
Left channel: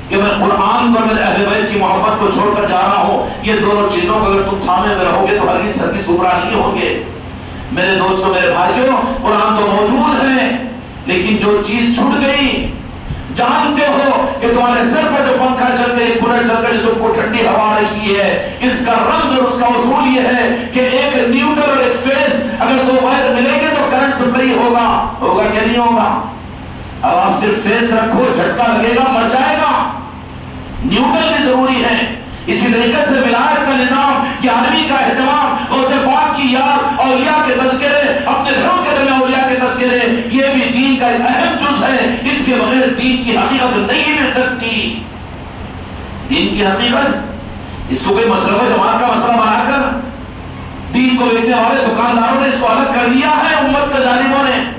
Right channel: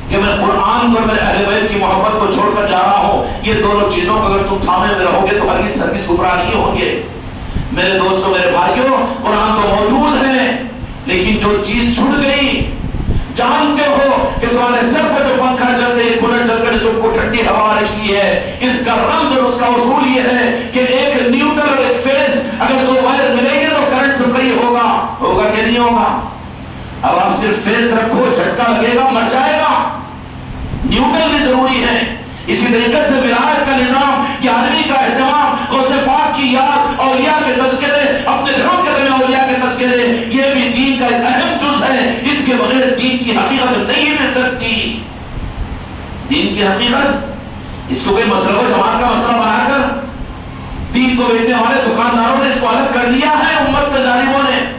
کہ میں قرآن کو میرے اہل بیت کی محبت کو چھوڑ کر جا رہا ہوں، یہ دونوں چیزوں کو اگر تم تھامے میں رہو گے تو ہرگز گمراہ نہیں ہوں گے۔ میرے دوستوں، میرے بھائیوں، قرآن تو موجود ہے، لیکن جو چیز چھوٹ گئی، جانتے ہو کہ تمہارے سر پر جو پنکھا چل کے کولر چل کر تم کو ٹھنڈی ہوا رہی ہے، اس کا رمز اور اس کا اصول یہ ہے کہ ایک نیوٹرل اور ایک فیز اگر دو وائر ملیں گے تو کرنٹ سپلائی ہوگا کہ نہیں ہوگا؟ اب آپ صرف فیز رکھو، جھٹکا لگے گا، مر جائے گا۔ نیوٹرل بھی ضروری ہے۔ اسی طریقے سے ولایت کا نظام، گیارہویں کا اہتمام، غوث پاک کی یاد، اولیاء کے تذکرے، اپنے گھروں کے درمیان اولیاء کے تذکرے، یہ بھی دین کا ایک اہم جز ہے۔ اس کے بغیر دین کی حقیقت نہیں مل سکتی۔ دین کی حقیقت، اس کو کوئی مسئلہ جماعت کا مسئلہ بنا کر دین کو بیچنے والے دکانداروں نے اس کو الگ کر لیا ہے امت کے ظالموں نے۔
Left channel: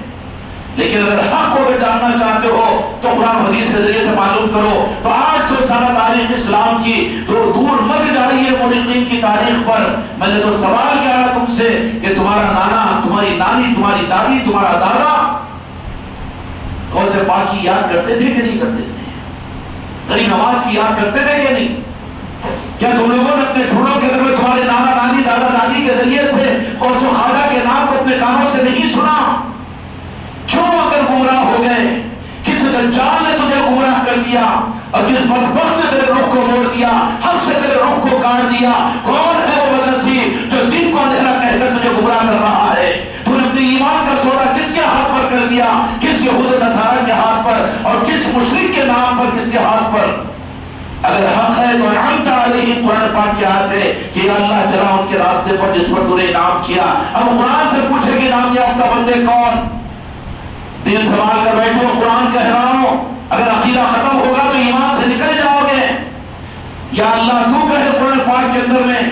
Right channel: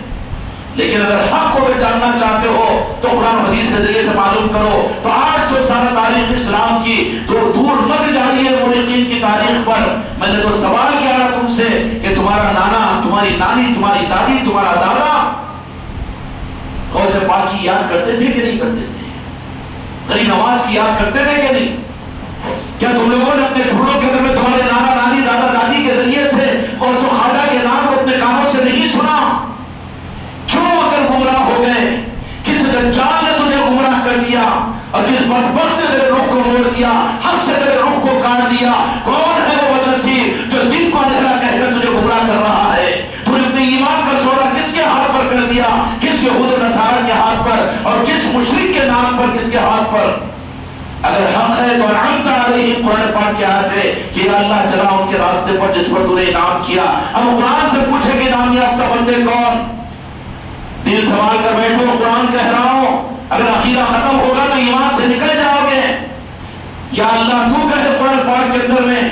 لیکن اگر حق کو جاننا چاہتے ہو تو قرآن حدیث کے ذریعے سے معلوم کرو۔ تو 800 سالہ تاریخ اسلام کی تو دور مت جاری ہے مورخین کی تاریخ پر۔ میں نے تو سوال کیا رہا تم سے کہ تمہارا نانا، تمہاری نانی، تمہاری دادی، تمہارا دادا غوث پاک کی یاد کرتے تھے کہ نہیں کرتے تھے؟ غریب نواز کی یاد کرتے تھے کہ نہیں؟ کیا تم لوگوں نے اپنے جھوڑوں کے اندر تمہارے نانا نانی دادا دادی کے ذریعے سے غوث و خواجہ کے نام کو اپنے کانوں سے نہیں سنا؟ کیوں اگر گمراہ ہو گئے؟ کس دجال نے تجھے گمراہ کر دیا اور کس بدبخت نے تیرے رخ کو موڑ دیا، حق سے تیرے رخ کو کاٹ دیا؟ کون ہے وہ مدرسی جو دین کو اندھیرا کہہ کر تجھے گمراہ کر رہا ہے؟ تو نے اپنے ایمان کا سودا کس کے ہاتھ پر کر دیا؟ کس یہود و نصارہ کے ہاتھ پر اور کس مشرک کے نام پر، کس کے ہاتھ پر؟ اگر حق ہے تو انعمت علیہم، قرآن پاک کی آیت ہے کہ یا اللہ چلا ان کے راستے پر جس پر تو نے انعام کیا۔ اب قرآن سے پوچھے کہ انعام یافتہ بندے کون؟ دل سنبھال کر بیٹھو، قرآن کہہ رہا ہوں اگر عقیدہ ختم ہوگا تو ایمان سے نکل جاؤ گے۔ یا اللہ تو کہے قرآن پاک کے اندر میں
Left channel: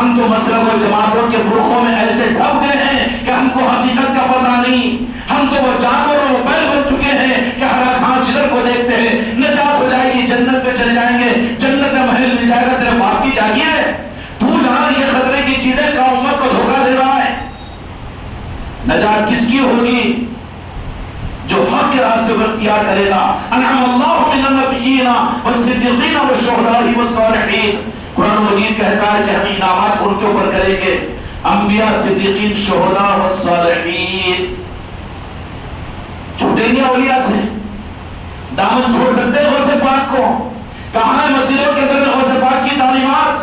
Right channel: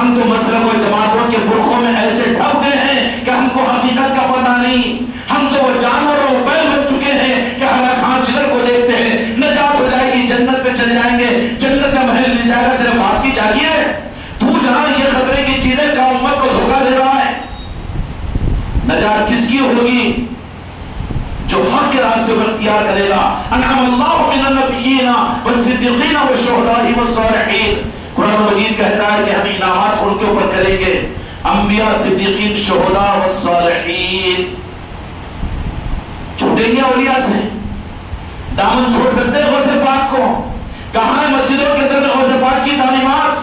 ہم تو مسلک و جماعتوں کے برخوں میں ایسے ڈھک گئے ہیں کہ ہم کو حقیقت کا پتہ نہیں۔ ہم تو وہ جانور و بیل بن چکے ہیں کہ ہر ہاں جدھر کو دیکھتے ہیں نجات ہو جائے گی، جنت میں چل جائیں گے، جنت کا محل مل جائے گا، تیرے باپ کی جاگیر ہے۔ تو جانے یہ خطرے کی چیزیں کا امت کو دھوکہ دے رہا ہے۔ نجات کس کی ہوگی؟ جو حق کے راستے کو اختیار کرے گا۔ انعم اللہ من النبیین والصدیقین والشہداء والصالحین۔ قرآن مجید کہتا ہے کہ ہم انعامات ان کے اوپر کریں گے، انبیاء، صدیقین، شہداء والصالحین۔ چھوٹیں گے اولیاء سے؟ دامن چھوڑ سکتے ہیں غوث پاک کو؟ کہاں ہے مسجدوں کے اندر غوث پاک کی تعلیمات؟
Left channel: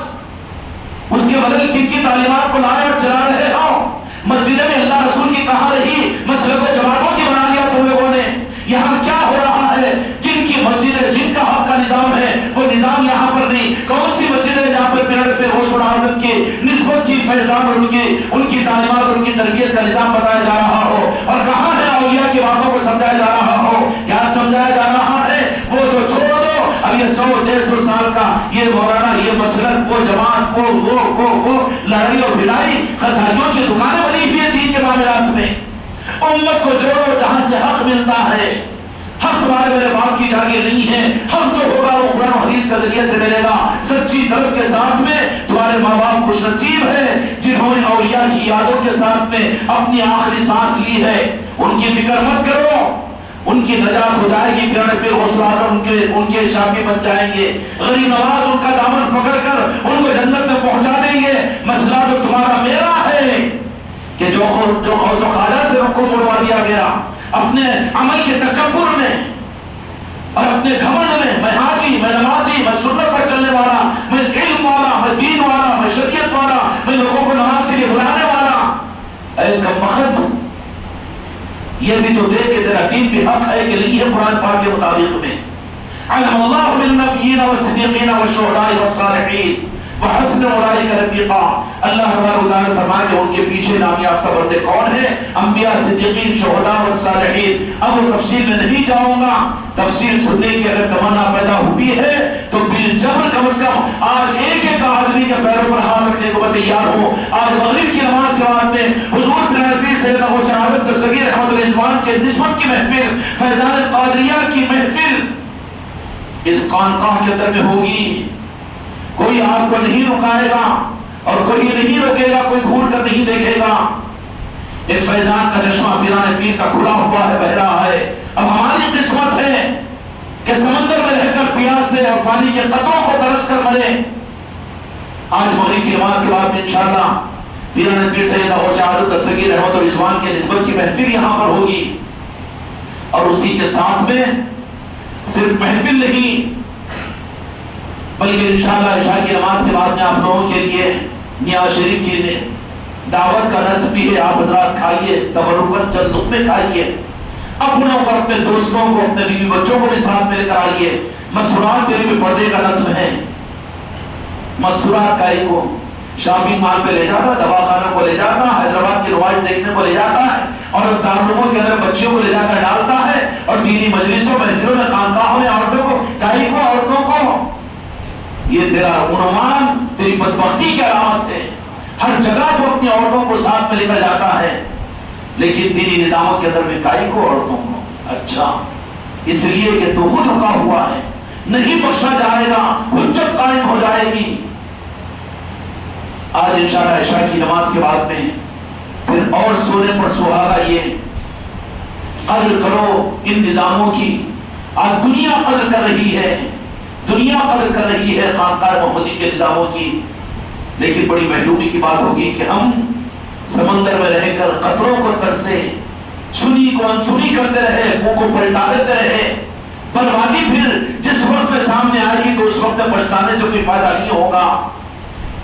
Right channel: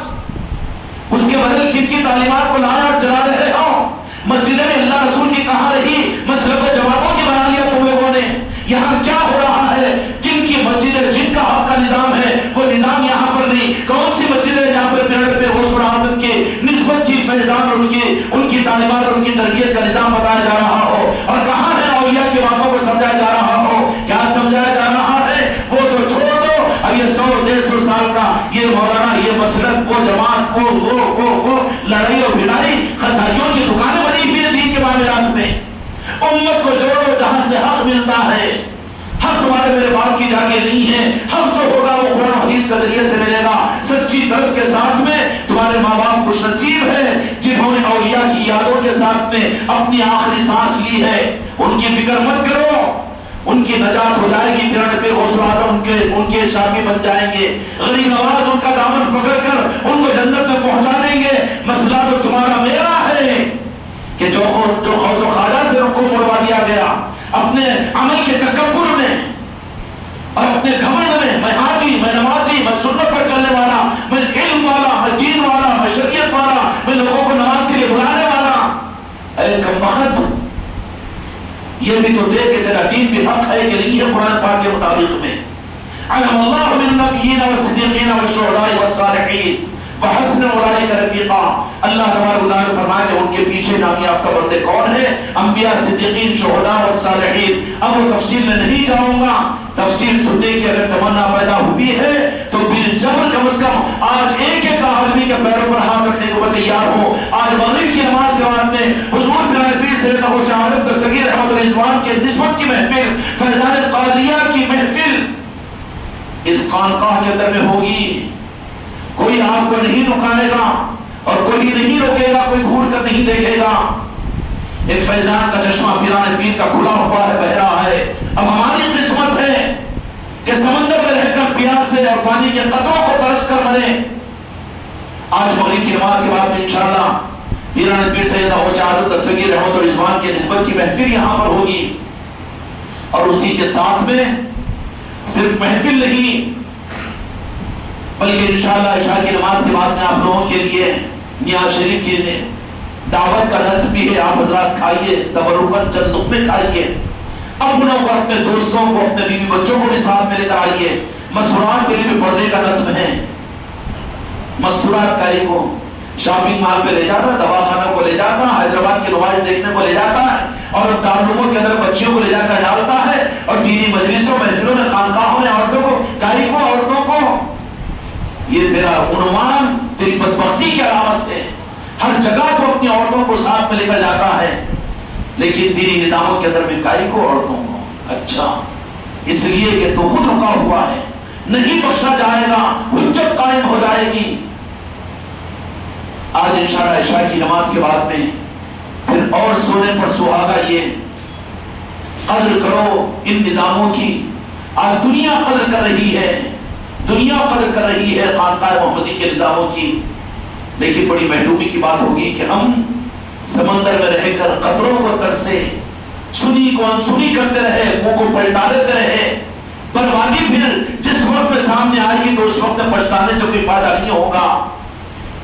اس کے بدل کن کی تعلیمات کو لایا اور چلا رہے ہو؟ مسجد میں اللہ رسول کی کہاں رہی؟ مسلک و جماعتوں کی بنا لیا تم لوگوں نے۔ یہاں کیا ہو رہا ہے؟ جن کی مسجدیں، جن کا حق کا نظام ہے وہ نظام یہاں پر نہیں۔ کون سی مسجد ہے جہاں پر پیڑ پہ غوث اعظم کی نسبت کی فیضان، ان کی تعلیمات، ان کی تربیت کا نظام بتایا جا رہا ہو؟ اور کہاں ہے اولیاء کی باتوں کو سمجھایا جا رہا ہو؟ کیا سمجھایا جا رہا ہے؟ وہ تو چھوڑ دو، اب یہ 100-150 سال کا یہ مولانا، یہ مسلک، وہ جماعت، وہ لڑائی اور بھلائی، قصائیوں کی دکانیں بنی ہوئی ہیں دین کے معاملات میں۔ امت کو جوڑو جہاں سے حق ملتا ہے۔ حق تمہارے میرے باپ کی جاگیر نہیں ہے۔ حق جو ہوگا وہ قرآن و حدیث کے ذریعے سے ملے گا، سچی طلب کے ساتھ میں۔ تمہارے ماں باپ خوش نصیب ہے جنہوں نے اولیاء کی یادوں کے ساتھ میں اپنی آخری سانس لی ہے۔ ان کی فکر مت کرو، ان کی نجات ہو جائے گی۔ پیارے پیر غوث اعظم ان کے شافی بن جائیں گے۔ غریب نواز ان کا دامن پکڑ کر ان کو جنت میں پہنچا دیں گے۔ مسئلہ تو تمہارا میرا ہے کہ جو غوث و خواجہ سے رخ کو مڑوا دیا گیا اپنے عمل کے تکبر میں اور اپنے گھمنڈ میں، میں حاجی، میں نمازی، میں سنت پر چلنے والا، میں علم والا، میں دین والا، میں شریعت والا، میں لوگوں کو نماز کے لیے بلانے والا۔ اے کمبخت، یہ بھی تو دیکھ کہ تیرا دین بھی حق ہے کہ نہیں ہے قرآن پاک کے مطابق میں۔ علم اللہ من النبیین والصدیقین والشہداء والصالحین وحسن اولئک رفیقا۔ اللہ تبارک و تعالی فرمایا کہ ان کے پیچھے نام یافتہ بندے کون ہیں؟ انبیاء، صدیقین، شہداء والصالحین۔ اب وہ تفصیل میں نہیں جاؤں گا، تفصیل سننے کی اگر تمنا پیدا ہوئی ہے تو بالجبر کم از کم آج ایک ایک آدمی کے پیروں پر ہاتھ رکھنے کو میں تیار ہوں۔ آج مغرب کی نماز کے بعد میں حضور پیارے پیر سیدنا غوث اعظم دستگیر احمد الرضوان کے نسبت کی محفل، فیضان قادریہ کی محفل اس خانقاہ کے اندر میں ہوگی۔ کوئی آپ کو نہیں رکائے گا اور کوئی نہیں روکے گا، کوئی گھور کر نہیں دیکھے گا۔ ایک فیضان کا چشمہ پیران پیر کا کھلا ہوا ہے، بہ رہا ہے۔ اب ہماری قسمت ہے کہ سمندر پانی کے قطروں کو ترس کر مرے. آج مغرب کی نماز کے بعد انشاءاللہ پیران پیر سید غوث اعظم دستگیر رحمت و رضوان کی نسبت کی محفل یہاں پر ہوگی. اور اسی کے ساتھ میں صرف محفل نہیں بلکہ انشاءاللہ عشاء کی نماز کے بعد میں آپ لوگوں کے لیے نیاز شریف کی دعوت کا نظم بھی ہے. آپ حضرات کھائیے، تبرکاً چند لقمے کھائیے، اپنوں کو، اپنے دوستوں کو، اپنے بیوی بچوں کو بھی ساتھ میں لے کر آئیے. مسورات کے لیے بھی پردے کا نظم ہے. مسورات کاری کو شاپنگ مال پہ لے جاتا ہے، دواخانہ کو لے جاتا ہے، حیدرآباد کی نمائش دیکھنے کو لے جاتا ہے، اور دارالعلوموں کے اندر بچیوں کو لے جا کر ڈالتا ہے، اور دینی مجلسوں محفلوں میں خانقاہوں میں عورتوں کو، کاری کو، عورتوں کو. یہ تیرا عنوان تیری بدبختی کی علامت ہے. ہر جگہ تو اپنی عورتوں کو ساتھ میں لے کر جاتا ہے، لیکن دینی نظاموں کے اندر میں کائی کو، عورتوں کو. اچھا، اس لیے کہ تو خود رکا ہوا ہے، نہیں بخشا جائے گا، حجت قائم ہو جائے گی. آج انشاءاللہ عشاء کی نماز کے بعد میں پھر اور سونے پر سہاگا یہ قدر کرو ان نظاموں کی. آج دنیا قدر کر رہی ہے، دنیا قدر کر رہی ہے خانقاہ محمدی کے نظاموں کی. لیکن بڑی محرومی کی بات ہوگی کہ ہم سمندر میں رہ کر قطروں کو ترسے، سنی کو انسنی کرتے رہے، منہ کو پلٹا دیتے رہے. بربادی پھر جس وقت میں سامنے آئے گی تو اس وقت میں پچھتانے سے کوئی فائدہ نہیں ہوگا.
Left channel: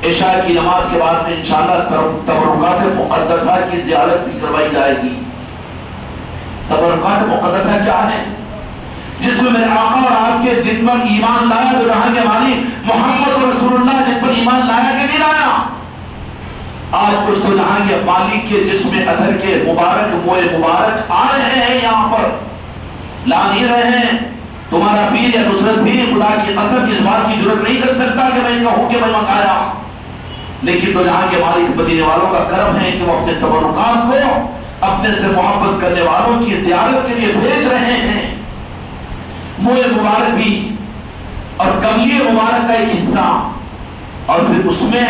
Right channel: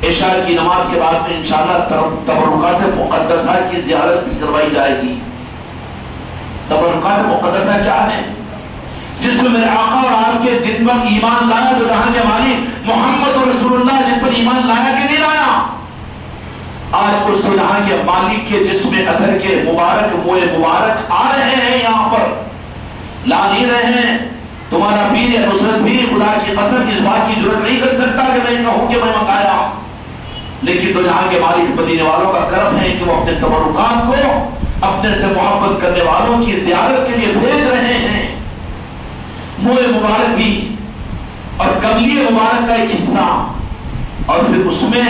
عشاء کی نماز کے بعد میں انشاءاللہ تبرکات مقدسہ کی زیارت بھی کروائی جائے گی. تبرکات مقدسہ کیا ہے؟ جس میں میرے آقا اور آپ کے جن پر ایمان لایا تو جہاں کے مالک محمد رسول اللہ جن پر ایمان لایا کہ نہیں لایا. آج اس تو جہاں کے مالک کے جس میں اثر کے مبارک موئے مبارک آ رہے ہیں، یہاں پر لا نہیں رہے ہیں. تمہارا پیر یا نصرت بھی خدا کی قسم اس بات کی جرت نہیں کر سکتا کہ میں کہوں کہ میں منگایا. لیکن تو جہاں کے مالک مدینے والوں کا کرم ہے کہ وہ اپنے تبرکات کو اپنے سے محبت کرنے والوں کی زیارت کے لیے بھیج رہے ہیں. موئے مبارک بھی اور قبلی مبارک کا ایک حصہ، اور پھر اس میں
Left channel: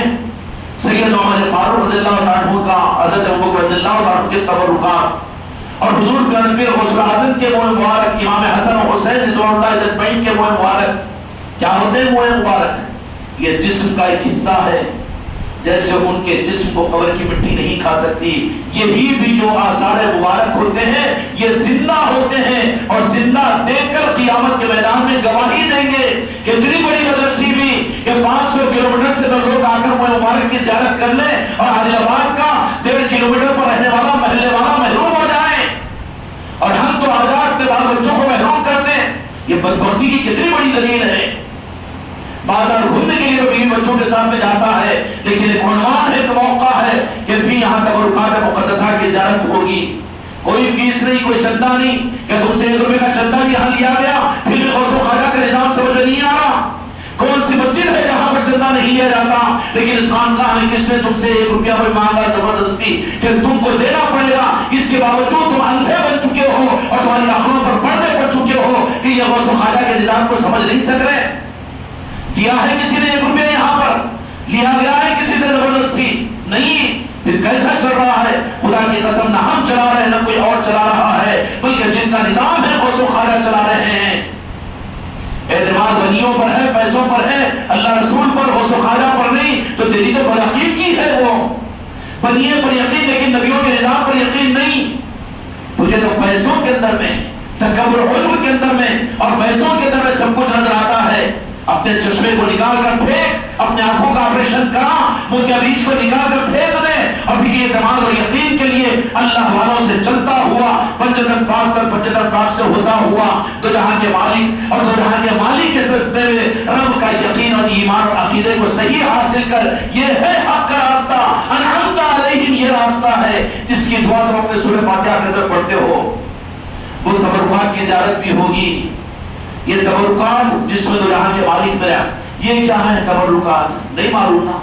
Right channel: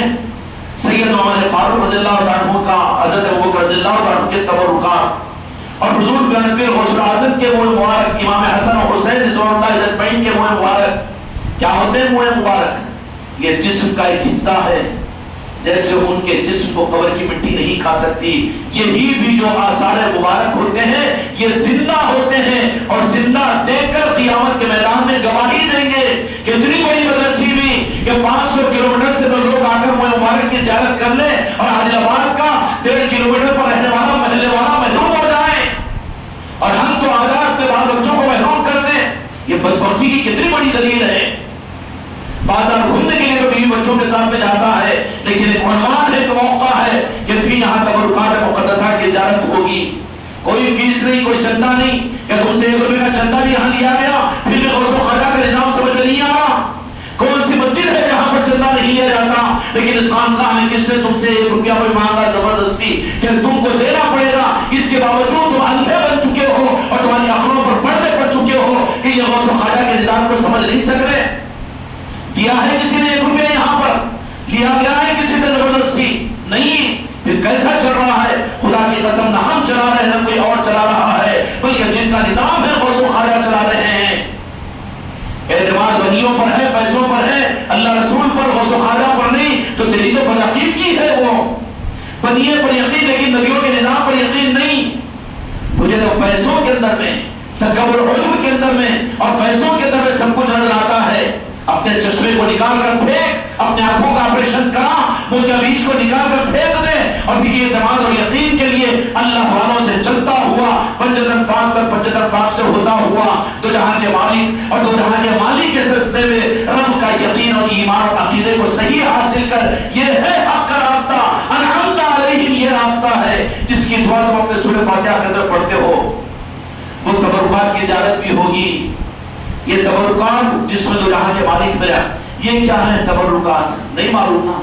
سید عمر فاروق رضی اللہ عنہ کا، حضرت ابوبکر رضی اللہ عنہ کے تبرکات، اور حضور پیارے پیر غوث اعظم کے موئے مبارک، امام حسن و حسین رضوان اللہ اجمعین کے موئے مبارک. کیا ہوتے ہیں موئے مبارک؟ یہ جسم کا ایک حصہ ہے. جیسے ان کے جسم کو قبر کی مٹی نہیں کھا سکتی، یہی بھی جو آثار مبارک ہوتے ہیں یہ زندہ ہوتے ہیں، اور زندہ دیکھ کر قیامت کے میدان میں گواہی دیں گے کہ اتنی بڑی مدرسی بھی کہ 500 کلومیٹر سے لوگ آ کر موئے مبارک کی زیارت کر لیں، اور عادل آباد کا 13 کلومیٹر پر رہنے والا محلے والا محروم ہو جائے، اور ہم تو آزاد اپنے بال بچوں کو محروم کر دیں. یہ بدبختی کی کتنی بڑی دلیل ہے. بازار گھومنے کے لیے تو بیوی بچوں کے ساتھ میں جاتا ہے، لیکن ایک عنوان ہے، ایک موقع ہے کہ پھر یہاں تبرکات مقدسہ کی زیارت ہوگی. کوئی فیس نہیں، کوئی چندہ نہیں کہ تم سے 1 روپے کا چندہ بھی یہاں لیا گیا. پھر بھی غوث و خواجہ کا نظام سمجھ میں نہیں آ رہا. کون سی مسجد ہے جہاں پر چندہ نہیں لیا جاتا، لیکن اس خانقاہ میں کس نے تم سے 1 روپیہ کوئی مانگا زبردستی کہ تم کو دینا پڑے گا. اس کے باوجود تم اندھے بن چکے ہو اور تمہاری آنکھوں پر پردے پڑ چکے ہو کہ یہ غوث و خواجہ کے نظام کو سمجھ نہیں سک رہے. دیا ہے کسی نے 1 روپیہ، یہاں پر لیا گیا ہے کسی سے زبردستی نہیں. پھر کیسا چل رہا ہے؟ خدا کی قسم نہ ہم چلا رہے ہیں نہ کوئی اور چلا رہا ہے، بلکہ جن کا نظام ہے غوث و خواجہ چلا رہے ہیں. اعتماد بنیوں پر ہے، پیسوں پر ہے، اللہ رسول پر، غوث و خواجہ پر نہیں. تو تیری تو بدعقیدگی ہے، وہ بنیے پر یقین لیکن نبیوں کے نظام پر یقین نہیں. تجھے تو پیسوں کے اندر میں، تکبر و عجب کے اندر میں اور پیسوں کے اندر میں سب کچھ نظر آتا ہے. اپنے چشمے کو نکال کر پھینک، اپنے آنکھوں کا آپریشن کرا، موتیا بیج کو نکال کر پھینک دے، اور پھر یہ اعتماد اور یقین کے لیے اللہ والوں سے چلتا ہوا، پنجتن پاک تک پنجتن پاک سے ہوتا ہوا تو جہاں کے مالک اور دو جہاں کے مالک کے راستے میں رب کا یقین اور ایمان اور عقیدے کو صحیح حاصل کر، یہ ہے حق کا راستہ. انعمت علیہم، یہ راستہ ہے جس کی دعا تم اپنے سورہ فاتحہ کے اندر پڑھتے ہو. وہ تبرکات کی زیارت بھی ہوگی. یہ تبرکات جس میں دو جہاں کے مالک ملا، یہ کیا ہے تبرکات؟ نہیں معلوم نا.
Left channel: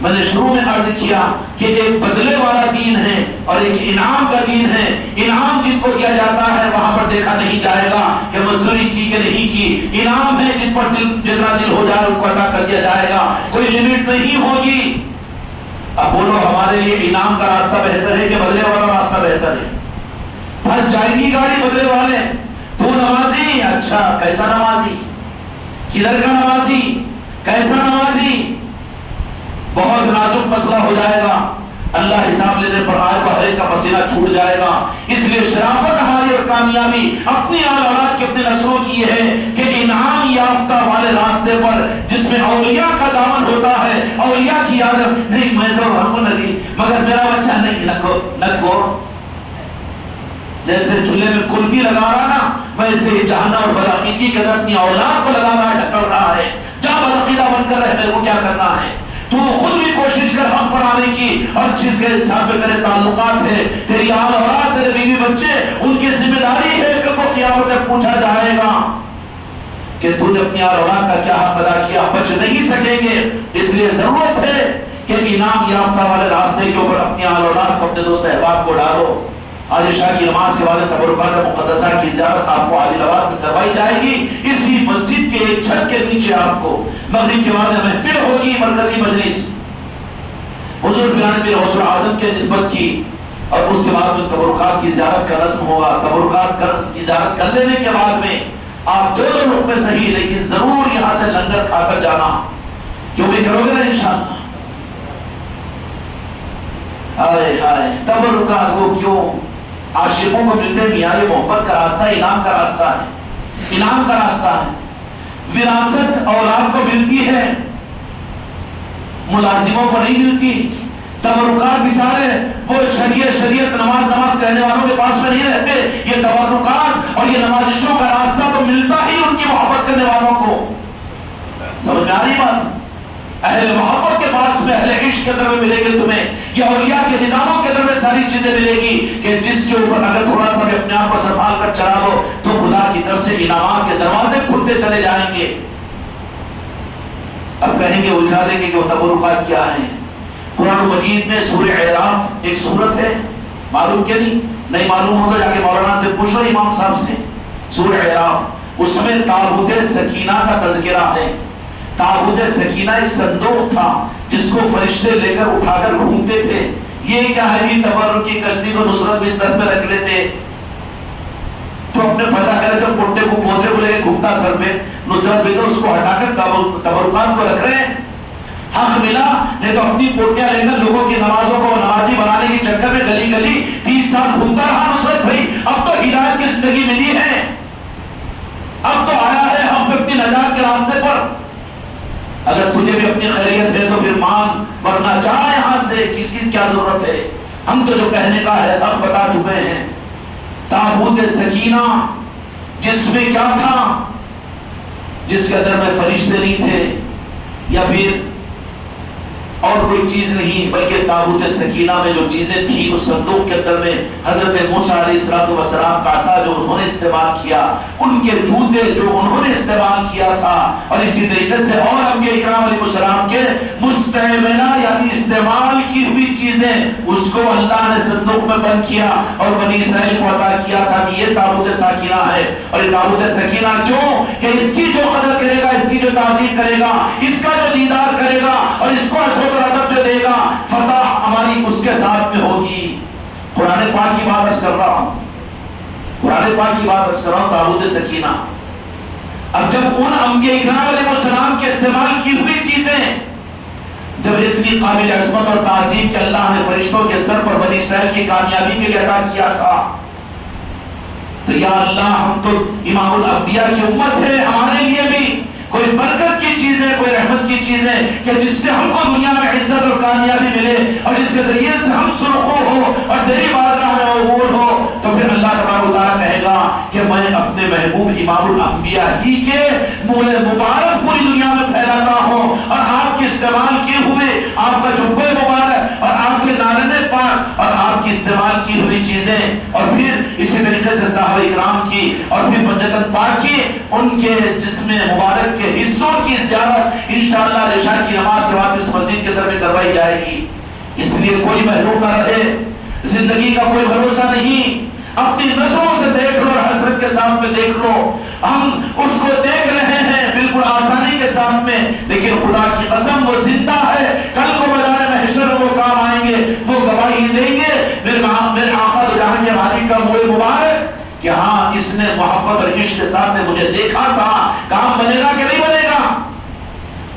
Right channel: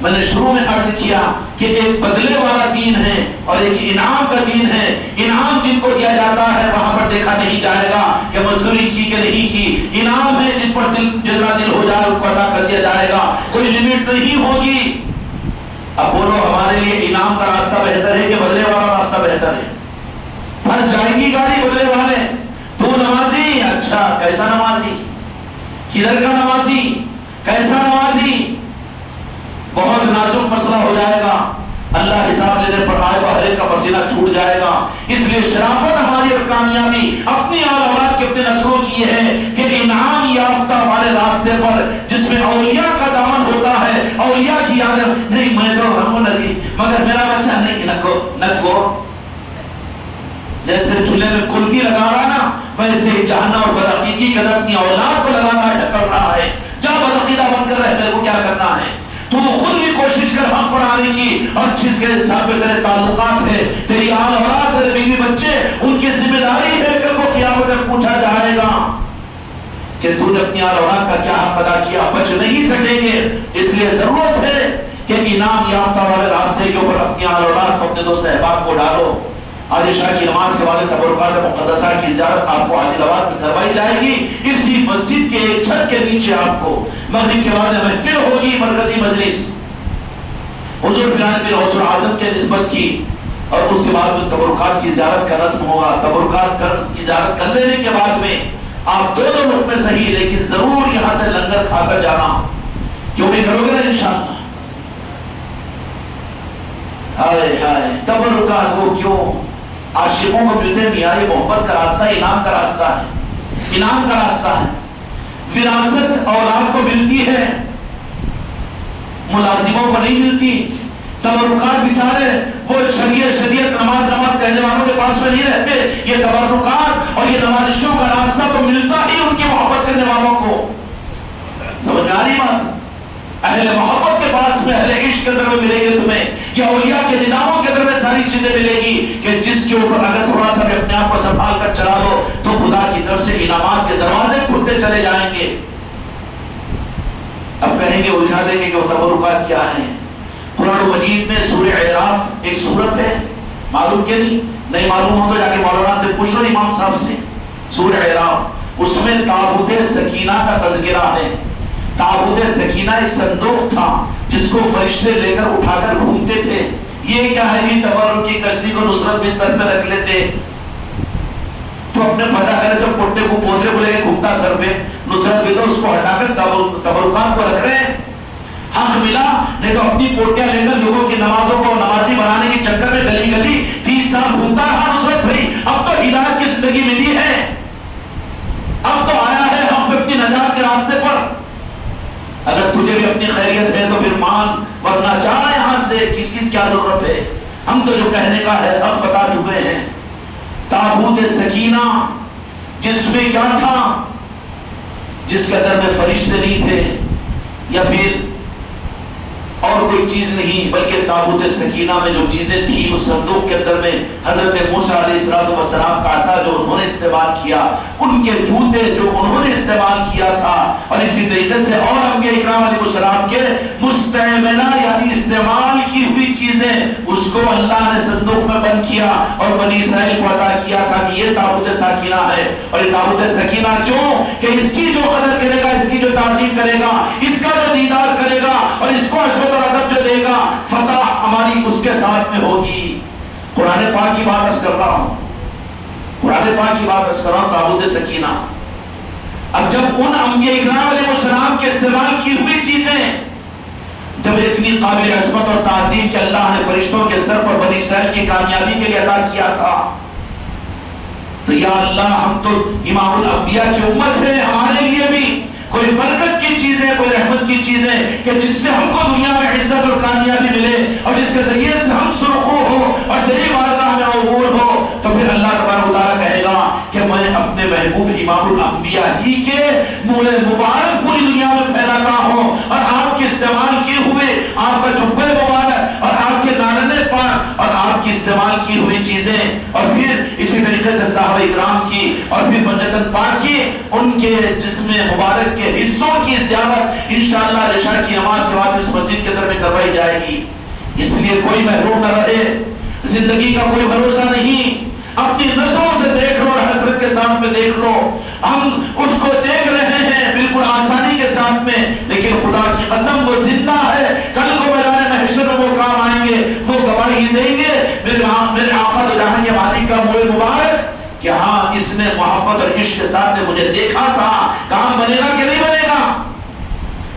میں نے شروع میں عرض کیا کہ ایک بدلے والا دین ہے اور ایک انعام کا دین ہے. انعام جن کو دیا جاتا ہے وہاں پر دیکھا نہیں جائے گا کہ مزدوری کی کہ نہیں کی. انعام ہے جن پر جتنا دل ہو جائے ان کو ادا کر دیا جائے گا، کوئی لمٹ نہیں ہوگی. اب بولو ہمارے لیے انعام کا راستہ بہتر ہے کہ بدلے والا راستہ بہتر ہے؟ پھنس جائے گی گاڑی بدلے والے. تو نمازی، اچھا کیسا نمازی؟ کدھر کا نمازی، کیسا نمازی، بہت نازک مسئلہ ہو جائے گا. اللہ حساب لینے پر آئے تو ہر ایک کا پسینہ چھوٹ جائے گا. اس لیے شرافت ہماری اور کامیابی اپنی آل اولاد کے اپنے نسلوں کی یہ ہے کہ انعام یافتہ والے راستے پر جس میں اولیاء کا دامن ہوتا ہے، اولیاء کی عادت نہیں میں تو ہم نہیں مگر میرا بچہ نہیں نکو جیسے چولہے میں کلتی لگا رہا نا، ویسے جہنم اور بدعقیدگی کے اندر اپنی اولاد کو لگا رہا ہے، ڈھکل رہا ہے. جب بدعقیدہ بن کر رہے میرے کو کیا کرنا ہے؟ تو خود بھی کوشش کر حق پر آنے کی، اور جس کے ساتھ تیرے تعلقات ہے، تیری آل اولاد، تیرے بیوی بچے، ان کی ذمہ داری ہے کہ کو قیامت میں پوچھا جائے گا کہ تو نے اپنی آل اولاد کا کیا حق ادا کیا. بچ نہیں سکیں گے. اس لیے ضرورت ہے کہ انعام یافتہ والے راستے کے اوپر اپنی آل اولاد کو، اپنے دوست احباب کو ڈالو. آج عشاء کی نماز کے بعد تبرکات مقدسہ کی زیارت آپ کو عادل آباد میں کروائی جائے گی. اسی مسجد کے ایک چھت کے نیچے آپ کو مغرب کے بعد محفل ہوگی، مرکزی مجلس حضور پیرانے پیر غوث اعظم کے نسبت کی، اور اس کے بعد میں تبرکات کی زیارت کا رسم ہوگا. تبرکات کی زیارت کر لینے کے بعد میں آپ دو لقمے صحیح لیکن ضرور یہاں سے لنگر کھا کر جانا. جو بھی کرو گے نا انشاءاللہ. ہائے ہائے تبرکات ہو کیوں؟ عاشقوں کو ملتے میاں یہ محبت کا راستہ ہے، انعام کا راستہ ہے، انعام کا راستہ ہے. وراثت اولاد کو ملتی ہے، ملازموں کو نہیں ملتی. تبرکات بیچارے وہ شریعت نماز کہنے والوں کے پاس میں نہیں رہتے. یہ تبرکات اور یہ نمازشوں کا راستہ تو ملتا ہی ان کی محبت کرنے والوں کو. سمجھ میں آ رہی بات؟ اہل محبت کے پاس میں، اہل عشق کے اندر میں ملے گے تمہیں. یا اولیاء کے نظاموں کے اندر میں ساری چیزیں ملے گی کہ جس کے اوپر اگر تھوڑا سا اپنے آپ کو سنبھال کر چلا دو تو خدا کی طرف سے انعامات کے دروازے کھلتے چلے جائیں گے. اب کہیں گے الجھا دیں گے کہ وہ تبرکات کیا ہیں. قرآن مجید میں سورہ اعراف ایک سورت ہے، معلوم کہ نہیں معلوم ہو تو جا کے مولانا سے پوچھو، امام صاحب سے. سورہ اعراف، اس میں تابوت سکینہ کا تذکرہ ہے. تابوت سکینہ ایک صندوق تھا جس کو فرشتے لے کر اٹھا کر گھومتے تھے. یہ کیا ہے؟ یہ تبرک کی کشتی کو نصرت بھی سر پہ رکھ لیتے تو اپنے پتہ کرے جو پوٹے کو پودے کو لے کے گھومتا سر پہ، نصرت بھی تو اس کو ہٹا کر تبرکات کو رکھ رہے ہیں. حق ملا نہیں تو اپنی پوٹیاں لے کر لوگوں کی نمازوں کو نمازی بنانے کی چکر میں گلی گلی 30 سال گھومتا رہا نصرت بھائی. اب تو ہدایت کی زندگی ملی ہے، اب تو آیا ہے حق اپنی نجات کے راستے پر. اگر تجھے بھی اپنی خیریت ہے تو پھر مان، ورنہ جانا یہاں سے. کس کی کیا ضرورت ہے؟ ہم تو جو کہنے کا ہے حق بتا چکے ہیں. تابوت سکینہ جس میں کیا تھا؟ جس کے اندر میں فرشتے نہیں تھے یا پھر اور کوئی چیز نہیں، بلکہ تابوت سکینہ میں جو چیزیں تھی اس صندوق کے اندر میں حضرت موسیٰ علیہ السلام کا عصا جو انہوں نے استعمال کیا، ان کے جوتے جو انہوں نے استعمال کیا تھا، اور اسی طریقے سے اور انبیاء اکرام علیہ السلام کے مستعملہ یعنی استعمال کی ہوئی چیزیں، اس کو اللہ نے صندوق میں بند کیا اور بنی اسرائیل کو عطا کیا تھا کہ یہ تابوت سکینہ ہے. اور یہ تابوت سکینہ کیوں؟ کہ اس کی جو قدر کرے گا، اس کی جو تعظیم کرے گا، اس کا جو دیدار کرے گا اور اس کو ادب جو دے گا، فتح ہماری اس کے ساتھ میں ہوگی. قرآن پاک کی بات عرض کر رہا ہوں، قرآن پاک کی بات عرض کر رہا ہوں. تابوت سکینہ اب جب ان انبیاء اکرام علیہ السلام کے استعمال کی ہوئی چیزیں جب اتنی قابل عظمت اور تعظیم کہ اللہ نے فرشتوں کے سر پر بنی اسرائیل کی کامیابی کے لیے عطا کیا تھا، تو یا اللہ ہم تو امام الانبیاء کی امت ہے، ہمارے لیے بھی کوئی برکت کی چیزیں، کوئی رحمت کی چیزیں کہ جس سے ہم کو دنیا میں عزت اور کامیابی ملے اور جس کے ذریعے سے ہم سرخو ہو اور تیری بارگاہ میں عبور ہو. تو پھر اللہ تبارک و تعالیٰ کہے گا کہ میں اپنے محبوب امام الانبیاء ہی کے مبارک پوری دنیا میں پھیلاتا ہوں، اور آپ کے استعمال کیے ہوئے آپ کا جبہ مبارک اور آپ کے نارنے پاک اور آپ کی استعمال کی ہوئی چیزیں، اور پھر اسی طریقے سے صحابہ اکرام کی اور پھر بجتن پاک کی ان کے جسم مبارک کے حصوں کی زیارت انشاءاللہ عشاء کی نماز کے بعد اس مسجد کے اندر میں کروائی جائے گی. اس لیے کوئی محروم نہ رہے. زندگی کا کوئی بھروسہ نہیں. اپنی نظروں سے دیکھ لو اور حسرت کے ساتھ میں دیکھ لو. ہم اس کو دیکھ رہے ہیں بالکل آسانی کے ساتھ میں، لیکن خدا کی قسم وہ زندہ ہے. کل کو میدان محشر میں وہ کام آئیں گے، وہ گواہی دیں گے. میرے آقا دو جہاں کے مالک کا منہ مبارک کہ ہاں اس نے محبت اور عشق کے ساتھ میں مجھے دیکھا تھا، کام بنے گا کہ نہیں بنے گا؟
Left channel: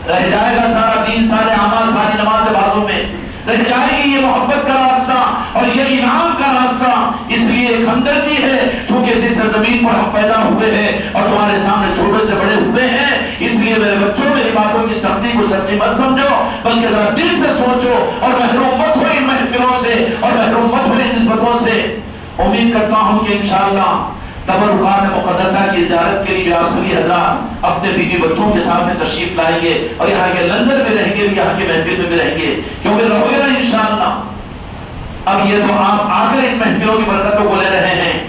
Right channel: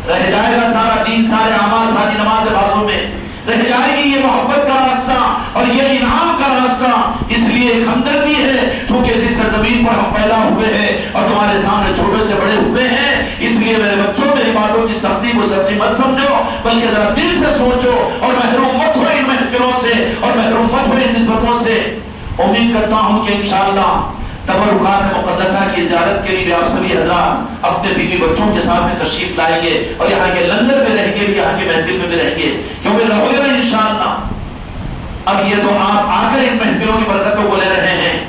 رہ جائے گا سارا دین، سارے اعمال، ساری نماز بازوں میں رہ جائے گی یہ محبت کا راستہ اور یہ انعام کا راستہ۔ اس لیے ایک ہمدردی ہے، چونکہ اسی سرزمین پر ہم پیدا ہوئے ہیں اور تمہارے سامنے چھوٹے سے بڑے ہوئے ہیں، اس لیے میرے بچوں میری باتوں کی سختی کو سختی مت سمجھو، بلکہ ذرا دل سے سوچو اور محروم مت ہو ان محفلوں سے اور محروم مت ہو ان نسبتوں سے۔ امید کرتا ہوں کہ انشاءاللہ تبرکات مقدسہ کی زیارت کے لیے آپ سبھی حضرات اپنے بیوی بچوں کے سامنے تشریف لائیں گے اور یہاں کے لندن میں رہیں گے، یہاں کے محفل میں بھی رہیں گے، کیونکہ رہو گے انشاءاللہ۔ اب یہ تو آپ آ کر ان محفلوں کی برکتوں کو لے رہے ہیں،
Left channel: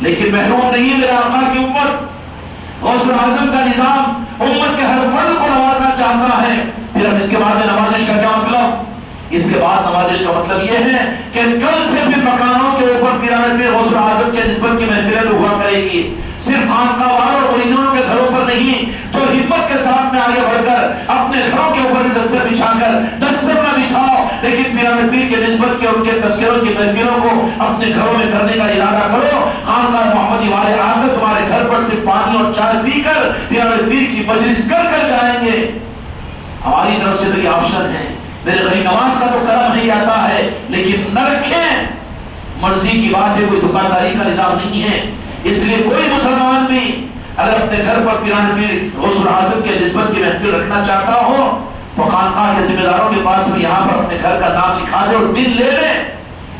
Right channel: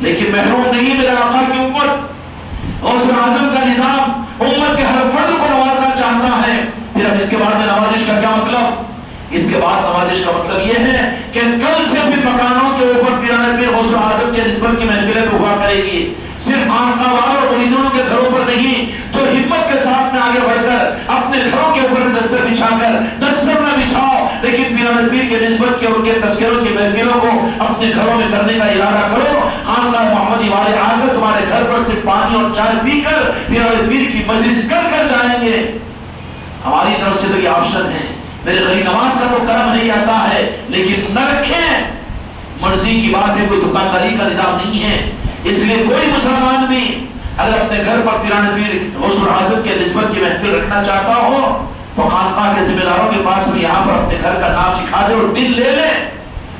لیکن محروم نہیں میرا آقا کی امت۔ غوث اعظم کا نظام امت کے ہر فرد کو نوازنا چاہتا ہے۔ پھر اب اس کے بعد نوازش کا کیا مطلب؟ اس کے بعد نوازش کا مطلب یہ ہے کہ کل سے پھر مکانوں کے اوپر پیران پیر غوث اعظم کے نسبت کی محفلیں بھی ہوا کرے گی، صرف خانقاہ والوں اور مریدوں کے گھروں پر نہیں، جو ہمت کے ساتھ میں آگے بڑھ کر اپنے گھروں کے اوپر بھی دستر بچھا کر دستر نہ بچھاؤ، لیکن پیران پیر کے نسبت کے اور ان کے تذکروں کی محفلوں کو اپنے گھروں میں کرنے کا ارادہ کرو۔ خانقاہ محمدی والے آ کر تمہارے گھر پر صرف پانی اور چائے پی کر پیران پیر کی مجلس کر کر جائیں گے۔ ہماری طرف سے تو یہ آپشن ہے، میرے غریب نواز کا تو کرم نہیں آتا ہے، لیکن نہ رکھیں، مرضی کی بات ہے، کوئی دکانداری کا نظام نہیں ہے۔ اس لیے کوئی مسلمان بھی اگر اپنے گھر پر پیران پیر غوث اعظم کے نسبت کی محفل رکھنا چاہتا ہو تو خانقاہ کے ذمہ داروں کے پاس میں یہاں پر اپنے گھر کا نام لکھا دے اور دن لے لے،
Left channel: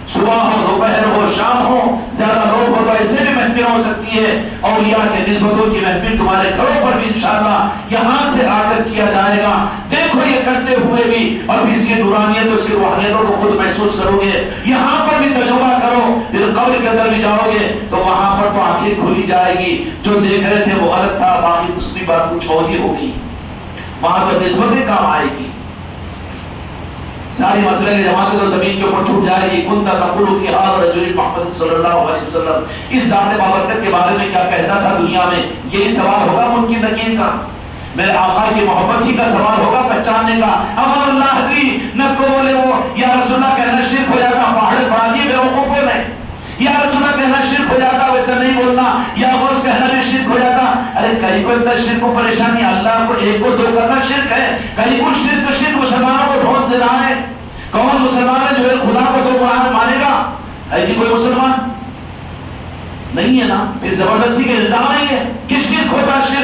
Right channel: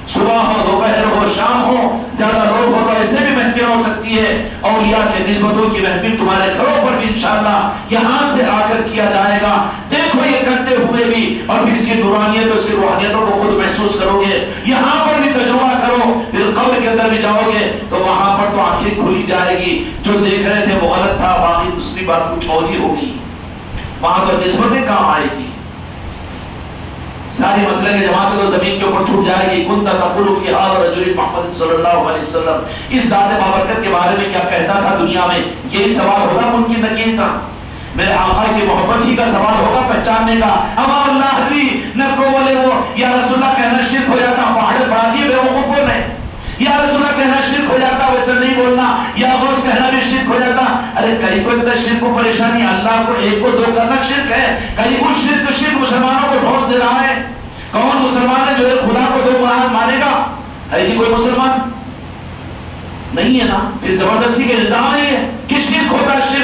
صبح ہو، دوپہر ہو، شام ہو، زیادہ لوگ ہو تو ایسے بھی محفل ہو سکتی ہے۔ اولیاء کے نسبتوں کی محفل تمہارے گھروں پر بھی انشاءاللہ یہاں سے آ کر کیا جائے گا۔ دیکھو یہ کرتے ہوئے بھی اور پھر اس کی نورانیت اور اس کی روحانیتوں کو خود محسوس کرو گے، یہاں پر بھی تجربہ کرو، پھر قبر کے اندر بھی جاؤ گے تو وہاں پر تو آنکھیں کھلی جائے گی، جو دیکھ رہے تھے وہ غلط تھا، باقی دوسری بات کچھ اور ہی ہوگی، وہاں تو نسبتیں کام آئے گی۔ ساری مسئلے کی جماعت تو زمین کے اوپر چھوٹ جائے گی۔ کنت تقول فی هذا الرجل محمد صلی اللہ علیہ وسلم، اس ذات بابرکت کے بارے میں کیا کہتا تھا دنیا میں؟ یہی سوال ہوگا ممکن نکیر کا، میرے آقا کی محبت ہی کا سوال ہوگا پہچاننے کا۔ اما اللہ حضری نہ کو بولے وہ یا رسول اللہ کہنا شرک ہو جاتا، پہاڑے پڑھا دیے بے وقوفوں نے، یا رسول اللہ کہنا شرک ہو جاتا، ویسا نہیں بولنا، یا غوث کہنا بھی شرک ہو جاتا۔ ارے کئی کو اتنا شرک کو پریشانی، اللہ کو ایک کو دو کرنا شرک ہے، کئی کو شرک مسلمانوں کو ڈھونس دے رہا ہے۔ کون مسلمان ہے جو ایک خدا کو دو مانے گا؟ ہے جی کوئی مسلمان نہیں ہے نا؟ پھر زبردستی کا الزام نہیں ہے کہ شرک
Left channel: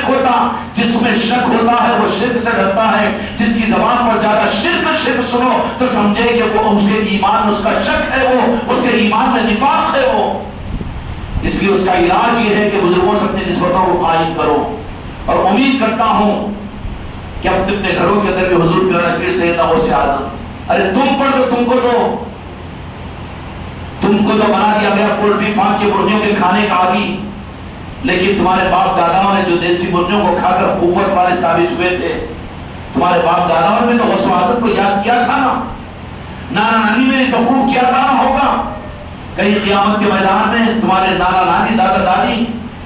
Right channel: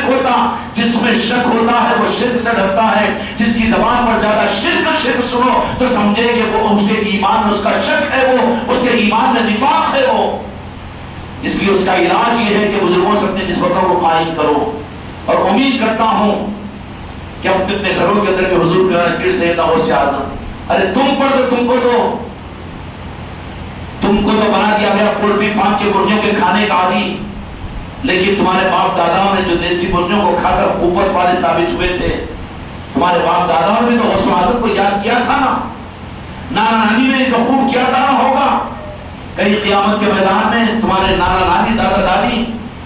ہوتا جس میں شک ہوتا ہے وہ شرک سے ڈرتا ہے۔ جس کی زبان پر زیادہ شرک سنو تو سمجھے کہ وہ اس کے ایمان میں اس کا شک ہے، وہ اس کے ایمان میں نفاق ہے وہ۔ اس لیے اس کا علاج یہ ہے کہ بزرگوں سے اپنی نسبتوں کو قائم کرو، اور امید کرتا ہوں کہ اپنے گھروں کے اندر بھی حضور پیران پیر سیدنا غوث اعظم، ارے تم پر تو تم کو تو بنا دیا گیا پولٹری فارم کے مرغیوں کے کھانے کا عادی، لیکن تمہارے باپ داداؤں نے جو دیسی مرغیوں کو کھا کر قوت والے ثابت ہوئے تھے، تمہارے باپ داداؤں نے تو غوث اعظم کو یاد کیا تھا نا، نانا نانی نے تو خوب کیا تھا ہوگا۔ کہیں قیامت کے میدان میں تمہارے نانا نانی دادا دادی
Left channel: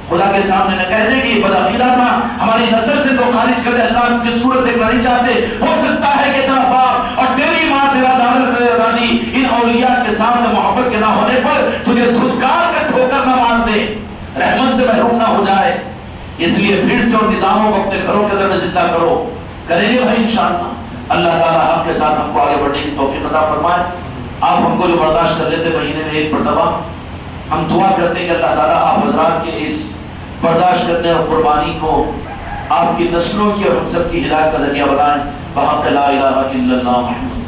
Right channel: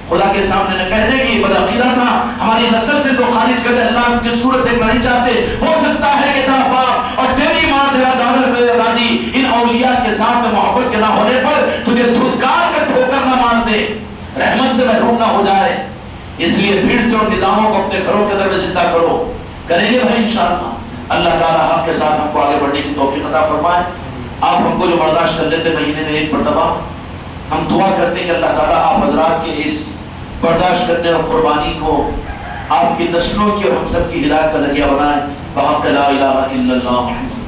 خدا کے سامنے نہ کہہ دے کہ یہ بدعقیدہ تھا، ہماری نسل سے تو خارج کر دے، اللہ کی صورت دیکھنا نہیں چاہتے۔ ہو سکتا ہے کہ تیرا باپ اور تیری ماں، تیرا دادا تیرا دادی ان اولیاء کے ساتھ محبت کے نہ ہونے پر تجھے دھتکار کر ٹھوکر نہ مار دے، رحمت سے محروم نہ ہو جائے۔ اس لیے پھر سے ان نظاموں کو اپنے گھروں کے اندر میں زندہ کرو، کریں گے بھائی انشاءاللہ۔ اللہ تعالیٰ آپ کے ساتھ ہم کو آگے بڑھنے کی توفیق عطا فرمائے۔ آپ ہم کو جو برداشت کر لیتے مہینے میں ایک مرتبہ، ہم دعا کرتے ہیں کہ اللہ تعالیٰ آپ حضرات کے اس برداشت کرنے اور قربانی کو آپ کی نسلوں کی اور ہم سب کی ہدایت کا ذریعہ بنائیں۔ بحق لا الہ الا اللہ محمد